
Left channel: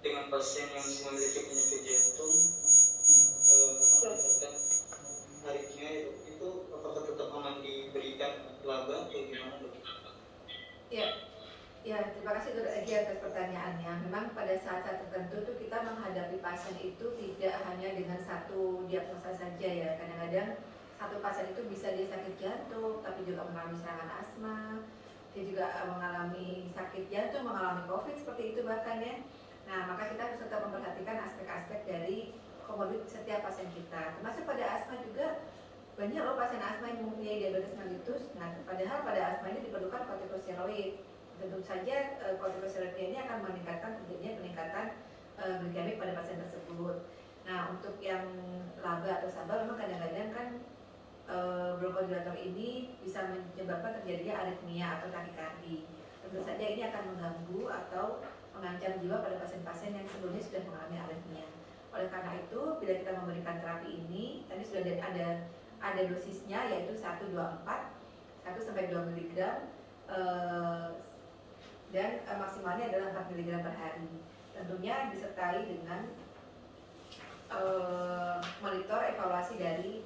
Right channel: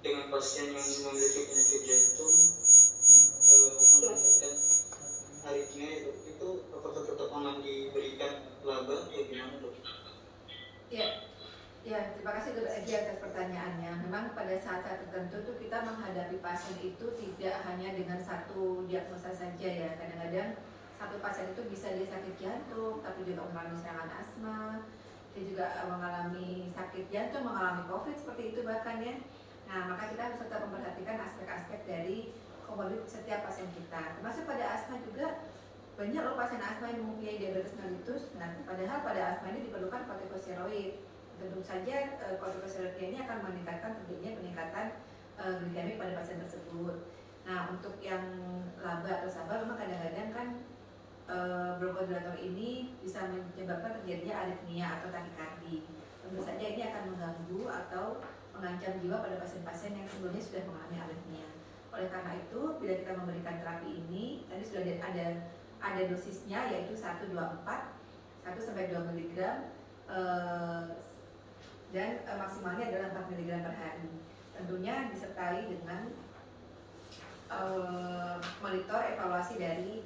dengan pasien yang memiliki penyakit jantung meningkatkan aritmia ya dok, itu apakah tetap aman diberikan laba atau gimana dok? Ya, terima kasih Dr. Egi atas pertanyaannya. Memang pada saat-saat tertentu tuh kita menghadapi pasien itu tidak hanya dengan satu diagnosa saja ya. Kadang-kadang satu pasien itu bisa dia sakit jantung, tapi juga mengalami serangan asma, dia juga mengalami sakit jantung, mengalami COVID seperti itu bahkan ya. Nah, maka kita harus tetap memperhatikan aspek-aspek dari komorbid setiap pasien kita. Termasuk pada asma juga banyak loh pasien asma yang mempunyai diabetes mellitus. Nah, padahal pada asma ini diperlukan kortikosteroid. Tentu saja kortikosteroid ini akan meningkatkan terjadinya peningkatan glikemik pada pasien tersebut. Nah, untuk yang laba atau SABA memang kadang-kadang kan bronchodilator ini bisa menyebabkan terjadinya aritmia atau takikardi. Tentu saja ini akan mengganggu atau mengancam jiwa pada pasien-pasien yang sebelumnya sudah mengalami aritmia. Oleh karena itu, bila kita memberikan terapi ini, tadi sudah ada dosisnya yaitu 1, 2, 4, 1 sampai 2 mg dan maksimalnya adalah 4 mg per hari. Tentunya disertai dengan monitor evaluasi dari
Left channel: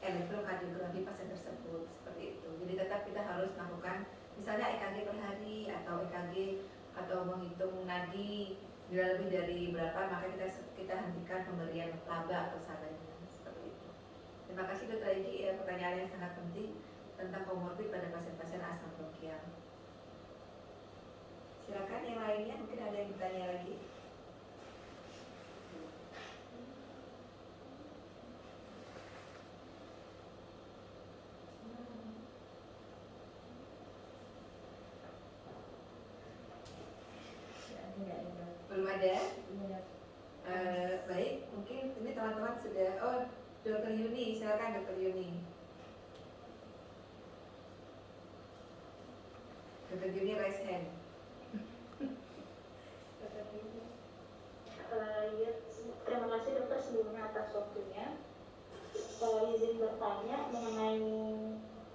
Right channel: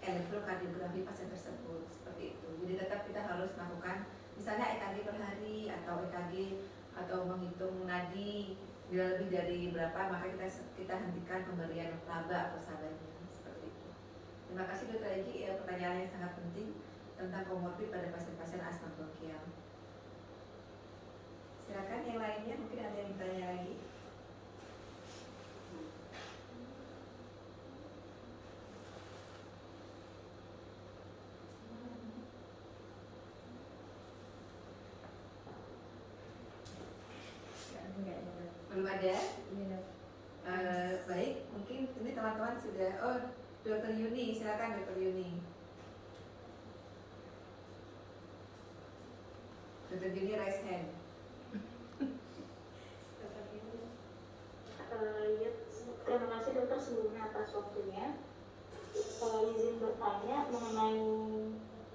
elektrokardiografi pasien tersebut, seperti itu. Jadi tetap kita harus melakukan misalnya EKG per hari atau EKG atau menghitung nadi, bila lebih dari berapa maka kita hentikan pemberian laba atau SABA-nya, seperti itu. Terima kasih Dr. Egi, pertanyaan yang sangat penting tentang komorbid pada pasien-pasien asma bronkial. Silakan yang lainnya, mungkin ada yang bertanya lagi. Belum ada? Baik, mungkin ini teman-teman sudah. Oh, Dr. Yuni, silakan Dr. Yuni. Dr. Yuni raise hand. Ya, terima kasih dokter sebelumnya atas waktunya. Izin bertanya mengenai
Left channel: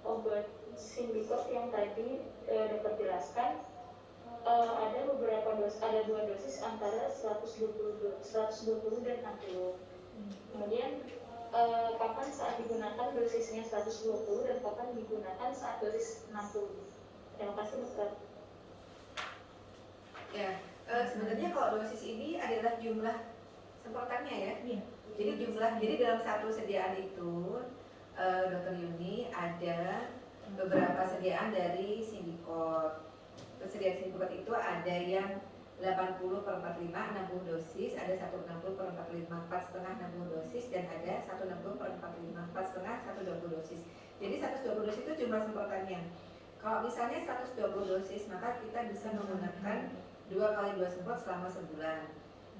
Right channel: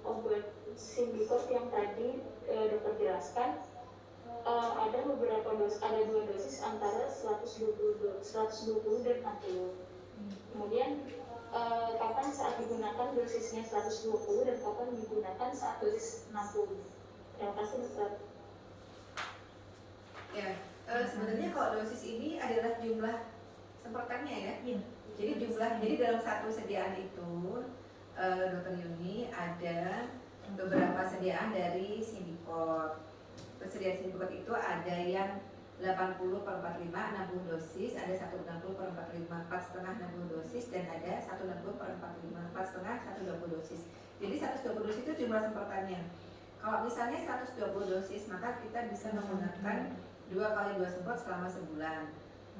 obat Symbicort yang tadi dokter jelaskan. Ada ada 2 dosis antara 120 dan 60. Kemudian kapan saat digunakan dosisnya 120 dan kapan digunakan saat dosis 60. Terima kasih dokter. Ya, sebenarnya kalau dosis ini adalah jumlah semprotannya ya. Jadi dalam satu sediaan itu, Dr. Yuni, ada beberapa sediaan dari Symbicort. Persediaan Symbicort itu ada yang 80 per 45 60 dosis, ada 160 per 45 4,5 60 dosis, dan ada 160 per 45 4,5 120 dosis. Jadi 120 dosis itu jumlah semprotannya. Kalau misalnya 120 dosis, maka kita bisa menggunakan 2 kali 2 semprot selama sebulan.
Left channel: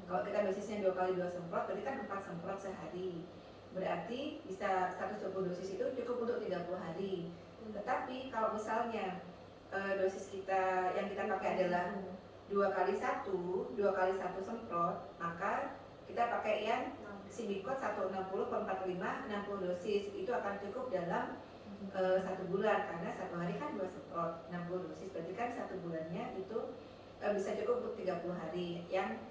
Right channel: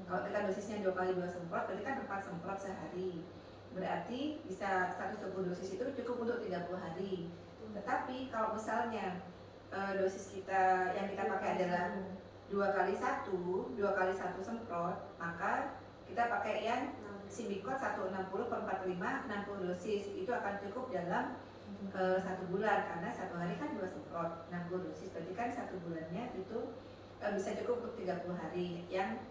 Kalau kita dosisnya 2 kali 2 semprot, berarti kan 4 semprot sehari. Berarti bisa 120 dosis itu cukup untuk 30 hari. Tetapi kalau misalnya dosis kita yang kita pakai adalah 2 kali 1 semprot, maka kita pakai yang Symbicort 160 per 45 60 dosis. Itu akan cukup dalam 1 bulan, karena 1 hari kan 2 semprot 60 dosis, berarti kan 1 bulannya itu bisa cukup untuk 30 hari. Yang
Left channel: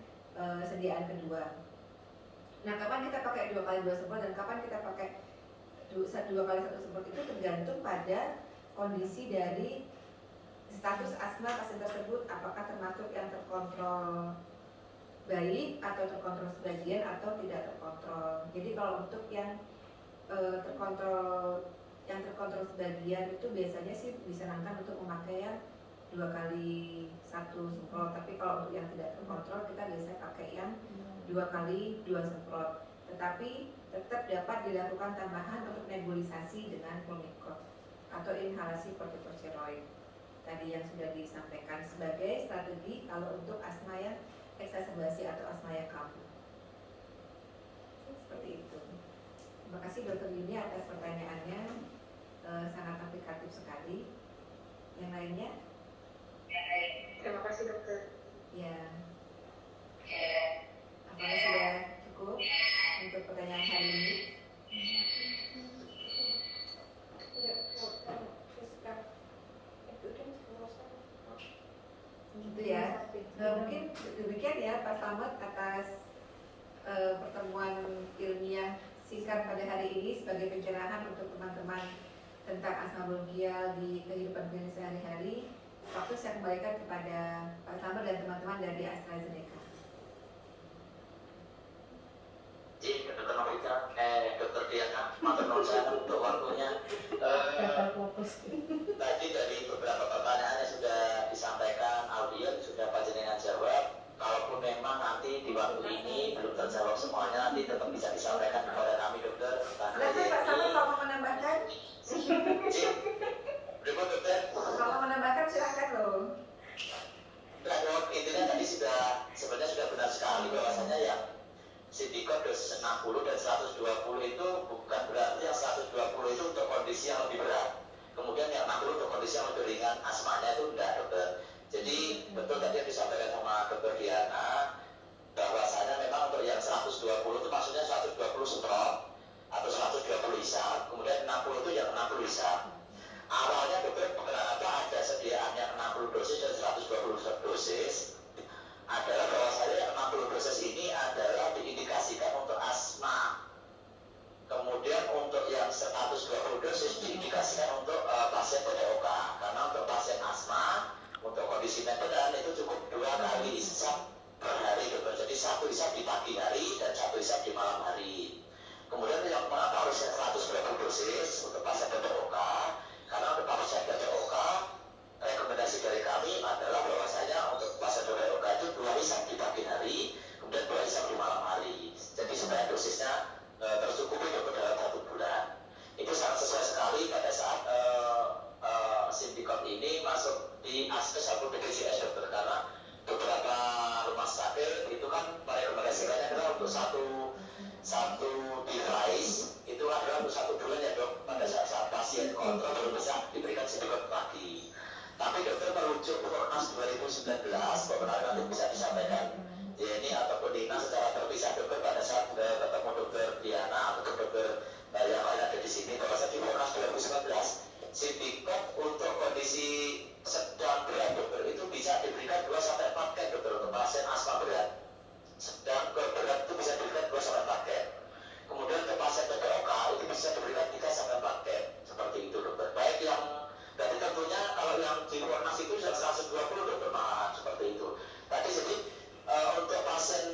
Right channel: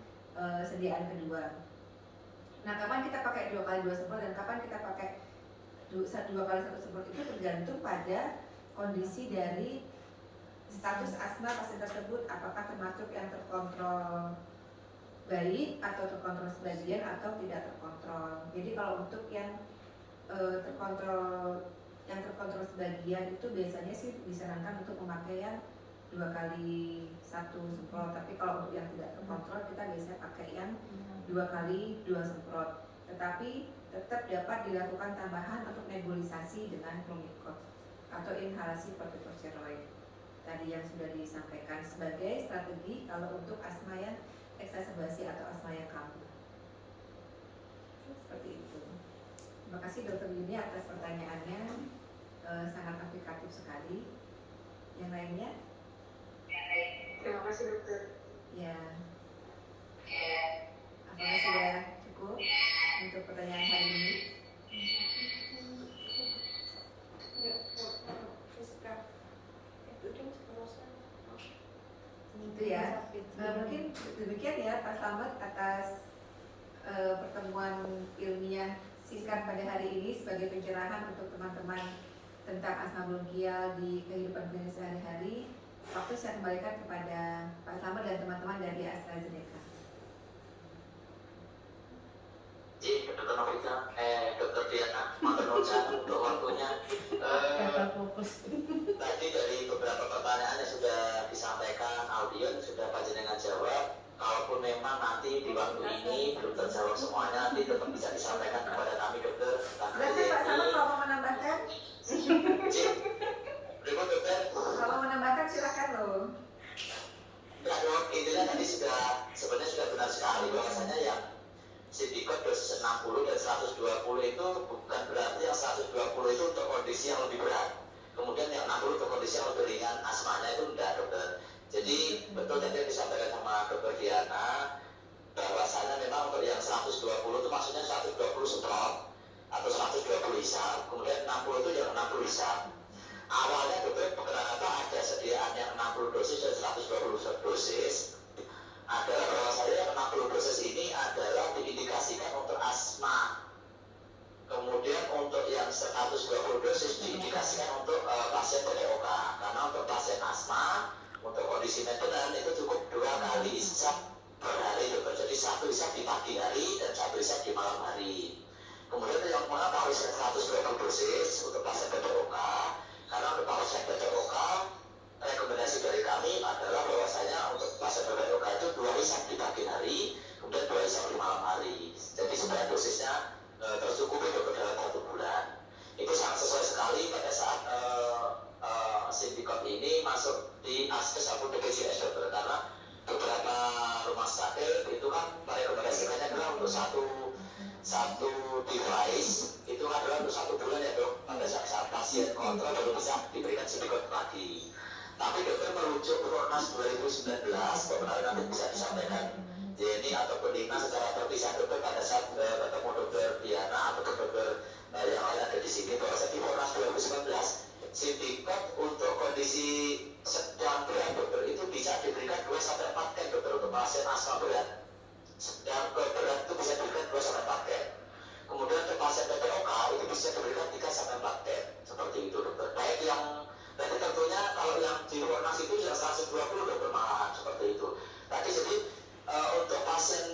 sediaan kedua. Nah, kapan kita pakai 2 kali 2 semprot dan kapan kita pakai 2 kali 1 semprot itu tergantung pada kondisi dari status asma pasien tersebut, apakah termasuk yang terkontrol baik atau terkontrol sebagian atau tidak terkontrol. Jadi kalau untuk yang terkontrol sebagian itu biasanya sih disarankan untuk memakai yang 2 kali 1 semprot, tapi kalau untuk yang tidak terkontrol kita biasanya pakai yang 2 kali 2 semprot. Tetapi tetap dapat dilakukan tambahan untuk nebulisasi dengan Pulmicort atau inhalasi kortikosteroid tadi yang sudah disampaikan sebagai strategi kalau untuk asma yang eksaserbasi atau asma yang kambuh. Seperti itu. Terima kasih Dr. Yuni atas pertanyaannya, sangat aplikatif sekali. Yang lainnya? Terima kasih dokter. Ya. Apakah sudah cukup untuk pertanyaan hari ini? Itu ya. Mungkin demikian ya Pak Slamet atas pertemuan ilmiah singkat pada hari ini sebagai pencerahan untuk teman-teman tentang asma bronkial di kehidupan klinis sehari-hari. Waktu saya kembalikan kepada Pak Slamet dan teman-teman dari AstraZeneca. Dokter Novita, Dokter Diana, matur nuwun sangat untuk waktunya. Tadi dari beberapa pertanyaan yang sudah disampaikan, audiens sudah panjenengan jawab. Kalaupun memang nanti di waktu ini belum terjawab semuanya, nanti tetap bisa disampaikan kepada kami dokter. Silakan Pak Slamet kalau mau menambahkan. Berikut dokter. Kalau menambahkan silakan loh. Enggak dok, intinya tadi sebenarnya sudah benar sekali bahwasanya yang Sindikot dosis 60 dan 120 itu bukan berarti yang 120 itu untuk kondisi yang lebih berat. Kemudian yang 60 untuk kondisi yang lebih ringan, asmanya itu enggak dokter. Jadi betul tadi yang disampaikan sama Dokter Diana bahwasanya memang untuk yang 120 itu maksudnya 120 semprot atau 120 isap, kemudian 60 itu yang 60 isap. Awalnya dokter kenapa ada sediaan yang 60 dosis dan 120 dosis adalah bahwasanya yang 60 dosis ini adalah diindikasikan untuk asma. Kemudian untuk yang 120 dosis diindikasikan untuk pasien PDOK. Karena untuk pasien asma, untuk kondisi maintenance itu cukup 2 kali isap per hari dokter. Jadi 1 isap di pagi hari dan 1 isap di malam hari. Kemudian yang mengapa harus yang 120 dosis untuk pasien PDOK? Karena untuk pasien PDOK rekomendasi dari kami adalah bahwasanya untuk pasien PDOK itu 2 isap di pagi hari, kemudian 2 isap di malam hari. Jadi supaya dosisnya tercukupi untuk dalam 1 bulan. Itu sangat sesuai sekali pada saat Sindikot ini masuk di ASKES atau BPJS dokter, karena beberapa rumah sakit itu kan merekomendasikannya adalah untuk satu device itu adalah untuk 1 bulan ya dok, pada saat pasien kontrol baru bisa diberikan Sindikot lagi. Tapi dokter merujuk Pronas 2019, beberapa nanti bisa disampaikan Jenny ataupun Dina secara terpisah dokter pada saat bertemu Dokter Diana atau dokter yang lain ada di sini bahwa di Pronas 2019 Sindikot untuk kondisi sedang berat dokter itu bisa diberikan 2-4 ken dokter untuk pasien asma berat. Sedang berat itu bisa diberikan 2-4 ken. Kemudian untuk pasien PDOK itu bisa diberikan 3-4 ken. Seperti itu dokter. Baik yang berarti tentunya kalau yang di Pronas itu yang 120 dokter malahan seperti itu. Tadi jadi untuk pasien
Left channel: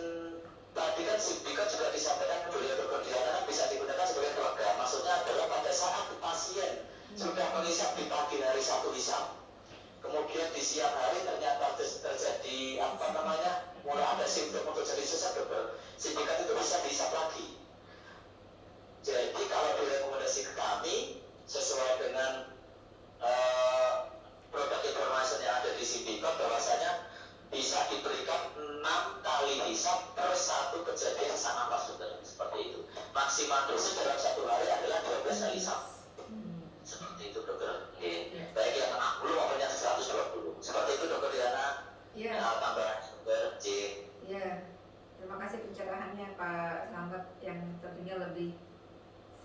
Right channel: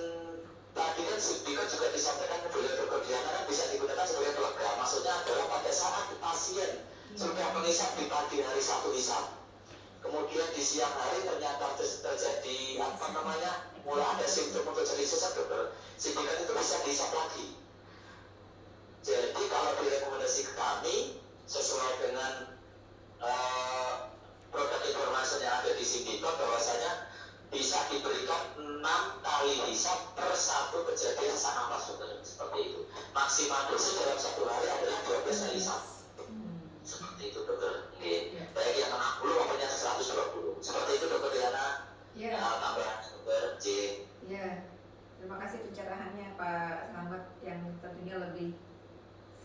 tadi kan Sindikot juga disampaikan oleh Dokter Diana kan bisa digunakan sebagai program. Maksudnya adalah pada saat pasien sudah mengisap di pagi hari 1 isap, kemudian di siang hari ternyata terjadi mulai ada simptom untuk jadi sesak dokter, Sindikot itu bisa diisap lagi. Jadi kalau direkomendasi ke kami sesuai dengan produk informasi yang ada di Sindikot bahwasanya bisa diberikan 6 kali hisap per 1 kejadian sesak napas dokter, seperti itu. Maksimal dosis dalam 1 hari adalah 12 kali hisap. Seperti itu dokter. Baik yang 60 maupun yang 120. Seperti itu dokter Diana. Iya. Tambah dokter J. Iya. Terima kasih pencerahannya Pak Slamet yang tentunya lebih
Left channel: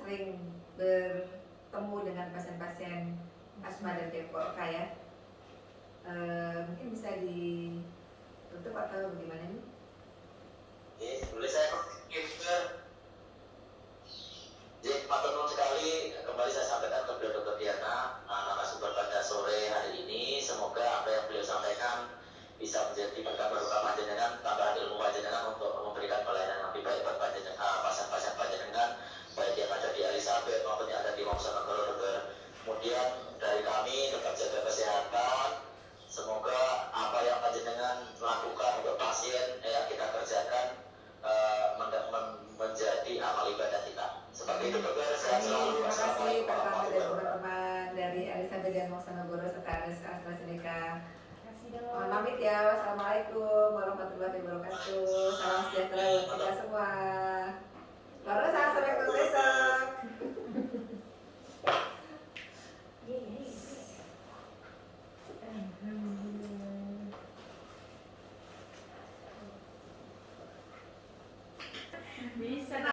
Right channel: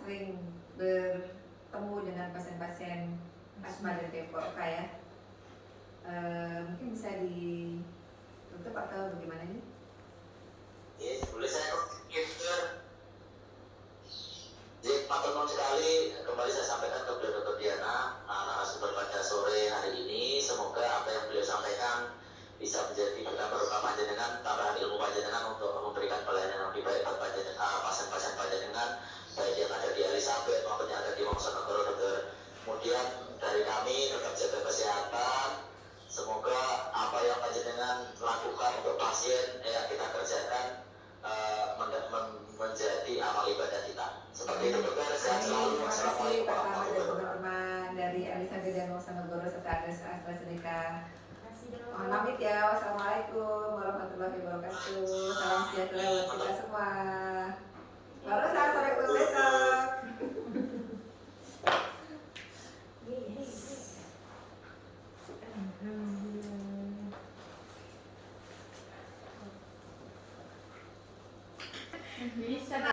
sering bertemu dengan pasien-pasien asma dan PDOK ya. Mungkin bisa ditutup atau bagaimana nih? bisa menjadi berkah berkah panjenengan, tambahan ilmu panjenengan untuk memberikan pelayanan yang lebih baik buat pasien-pasien panjenengan, baik yang ada di Elizabeth maupun yang ada di Wonosobo. Kemudian dari kami tetap jaga kesehatan. Semoga apa yang panjenengan lakukan untuk pasien yang kita kerjakan menjadi amal ibadah kita. Seperti itu, dokter. Sehat selalu. Terima kasih Wassalamualaikum.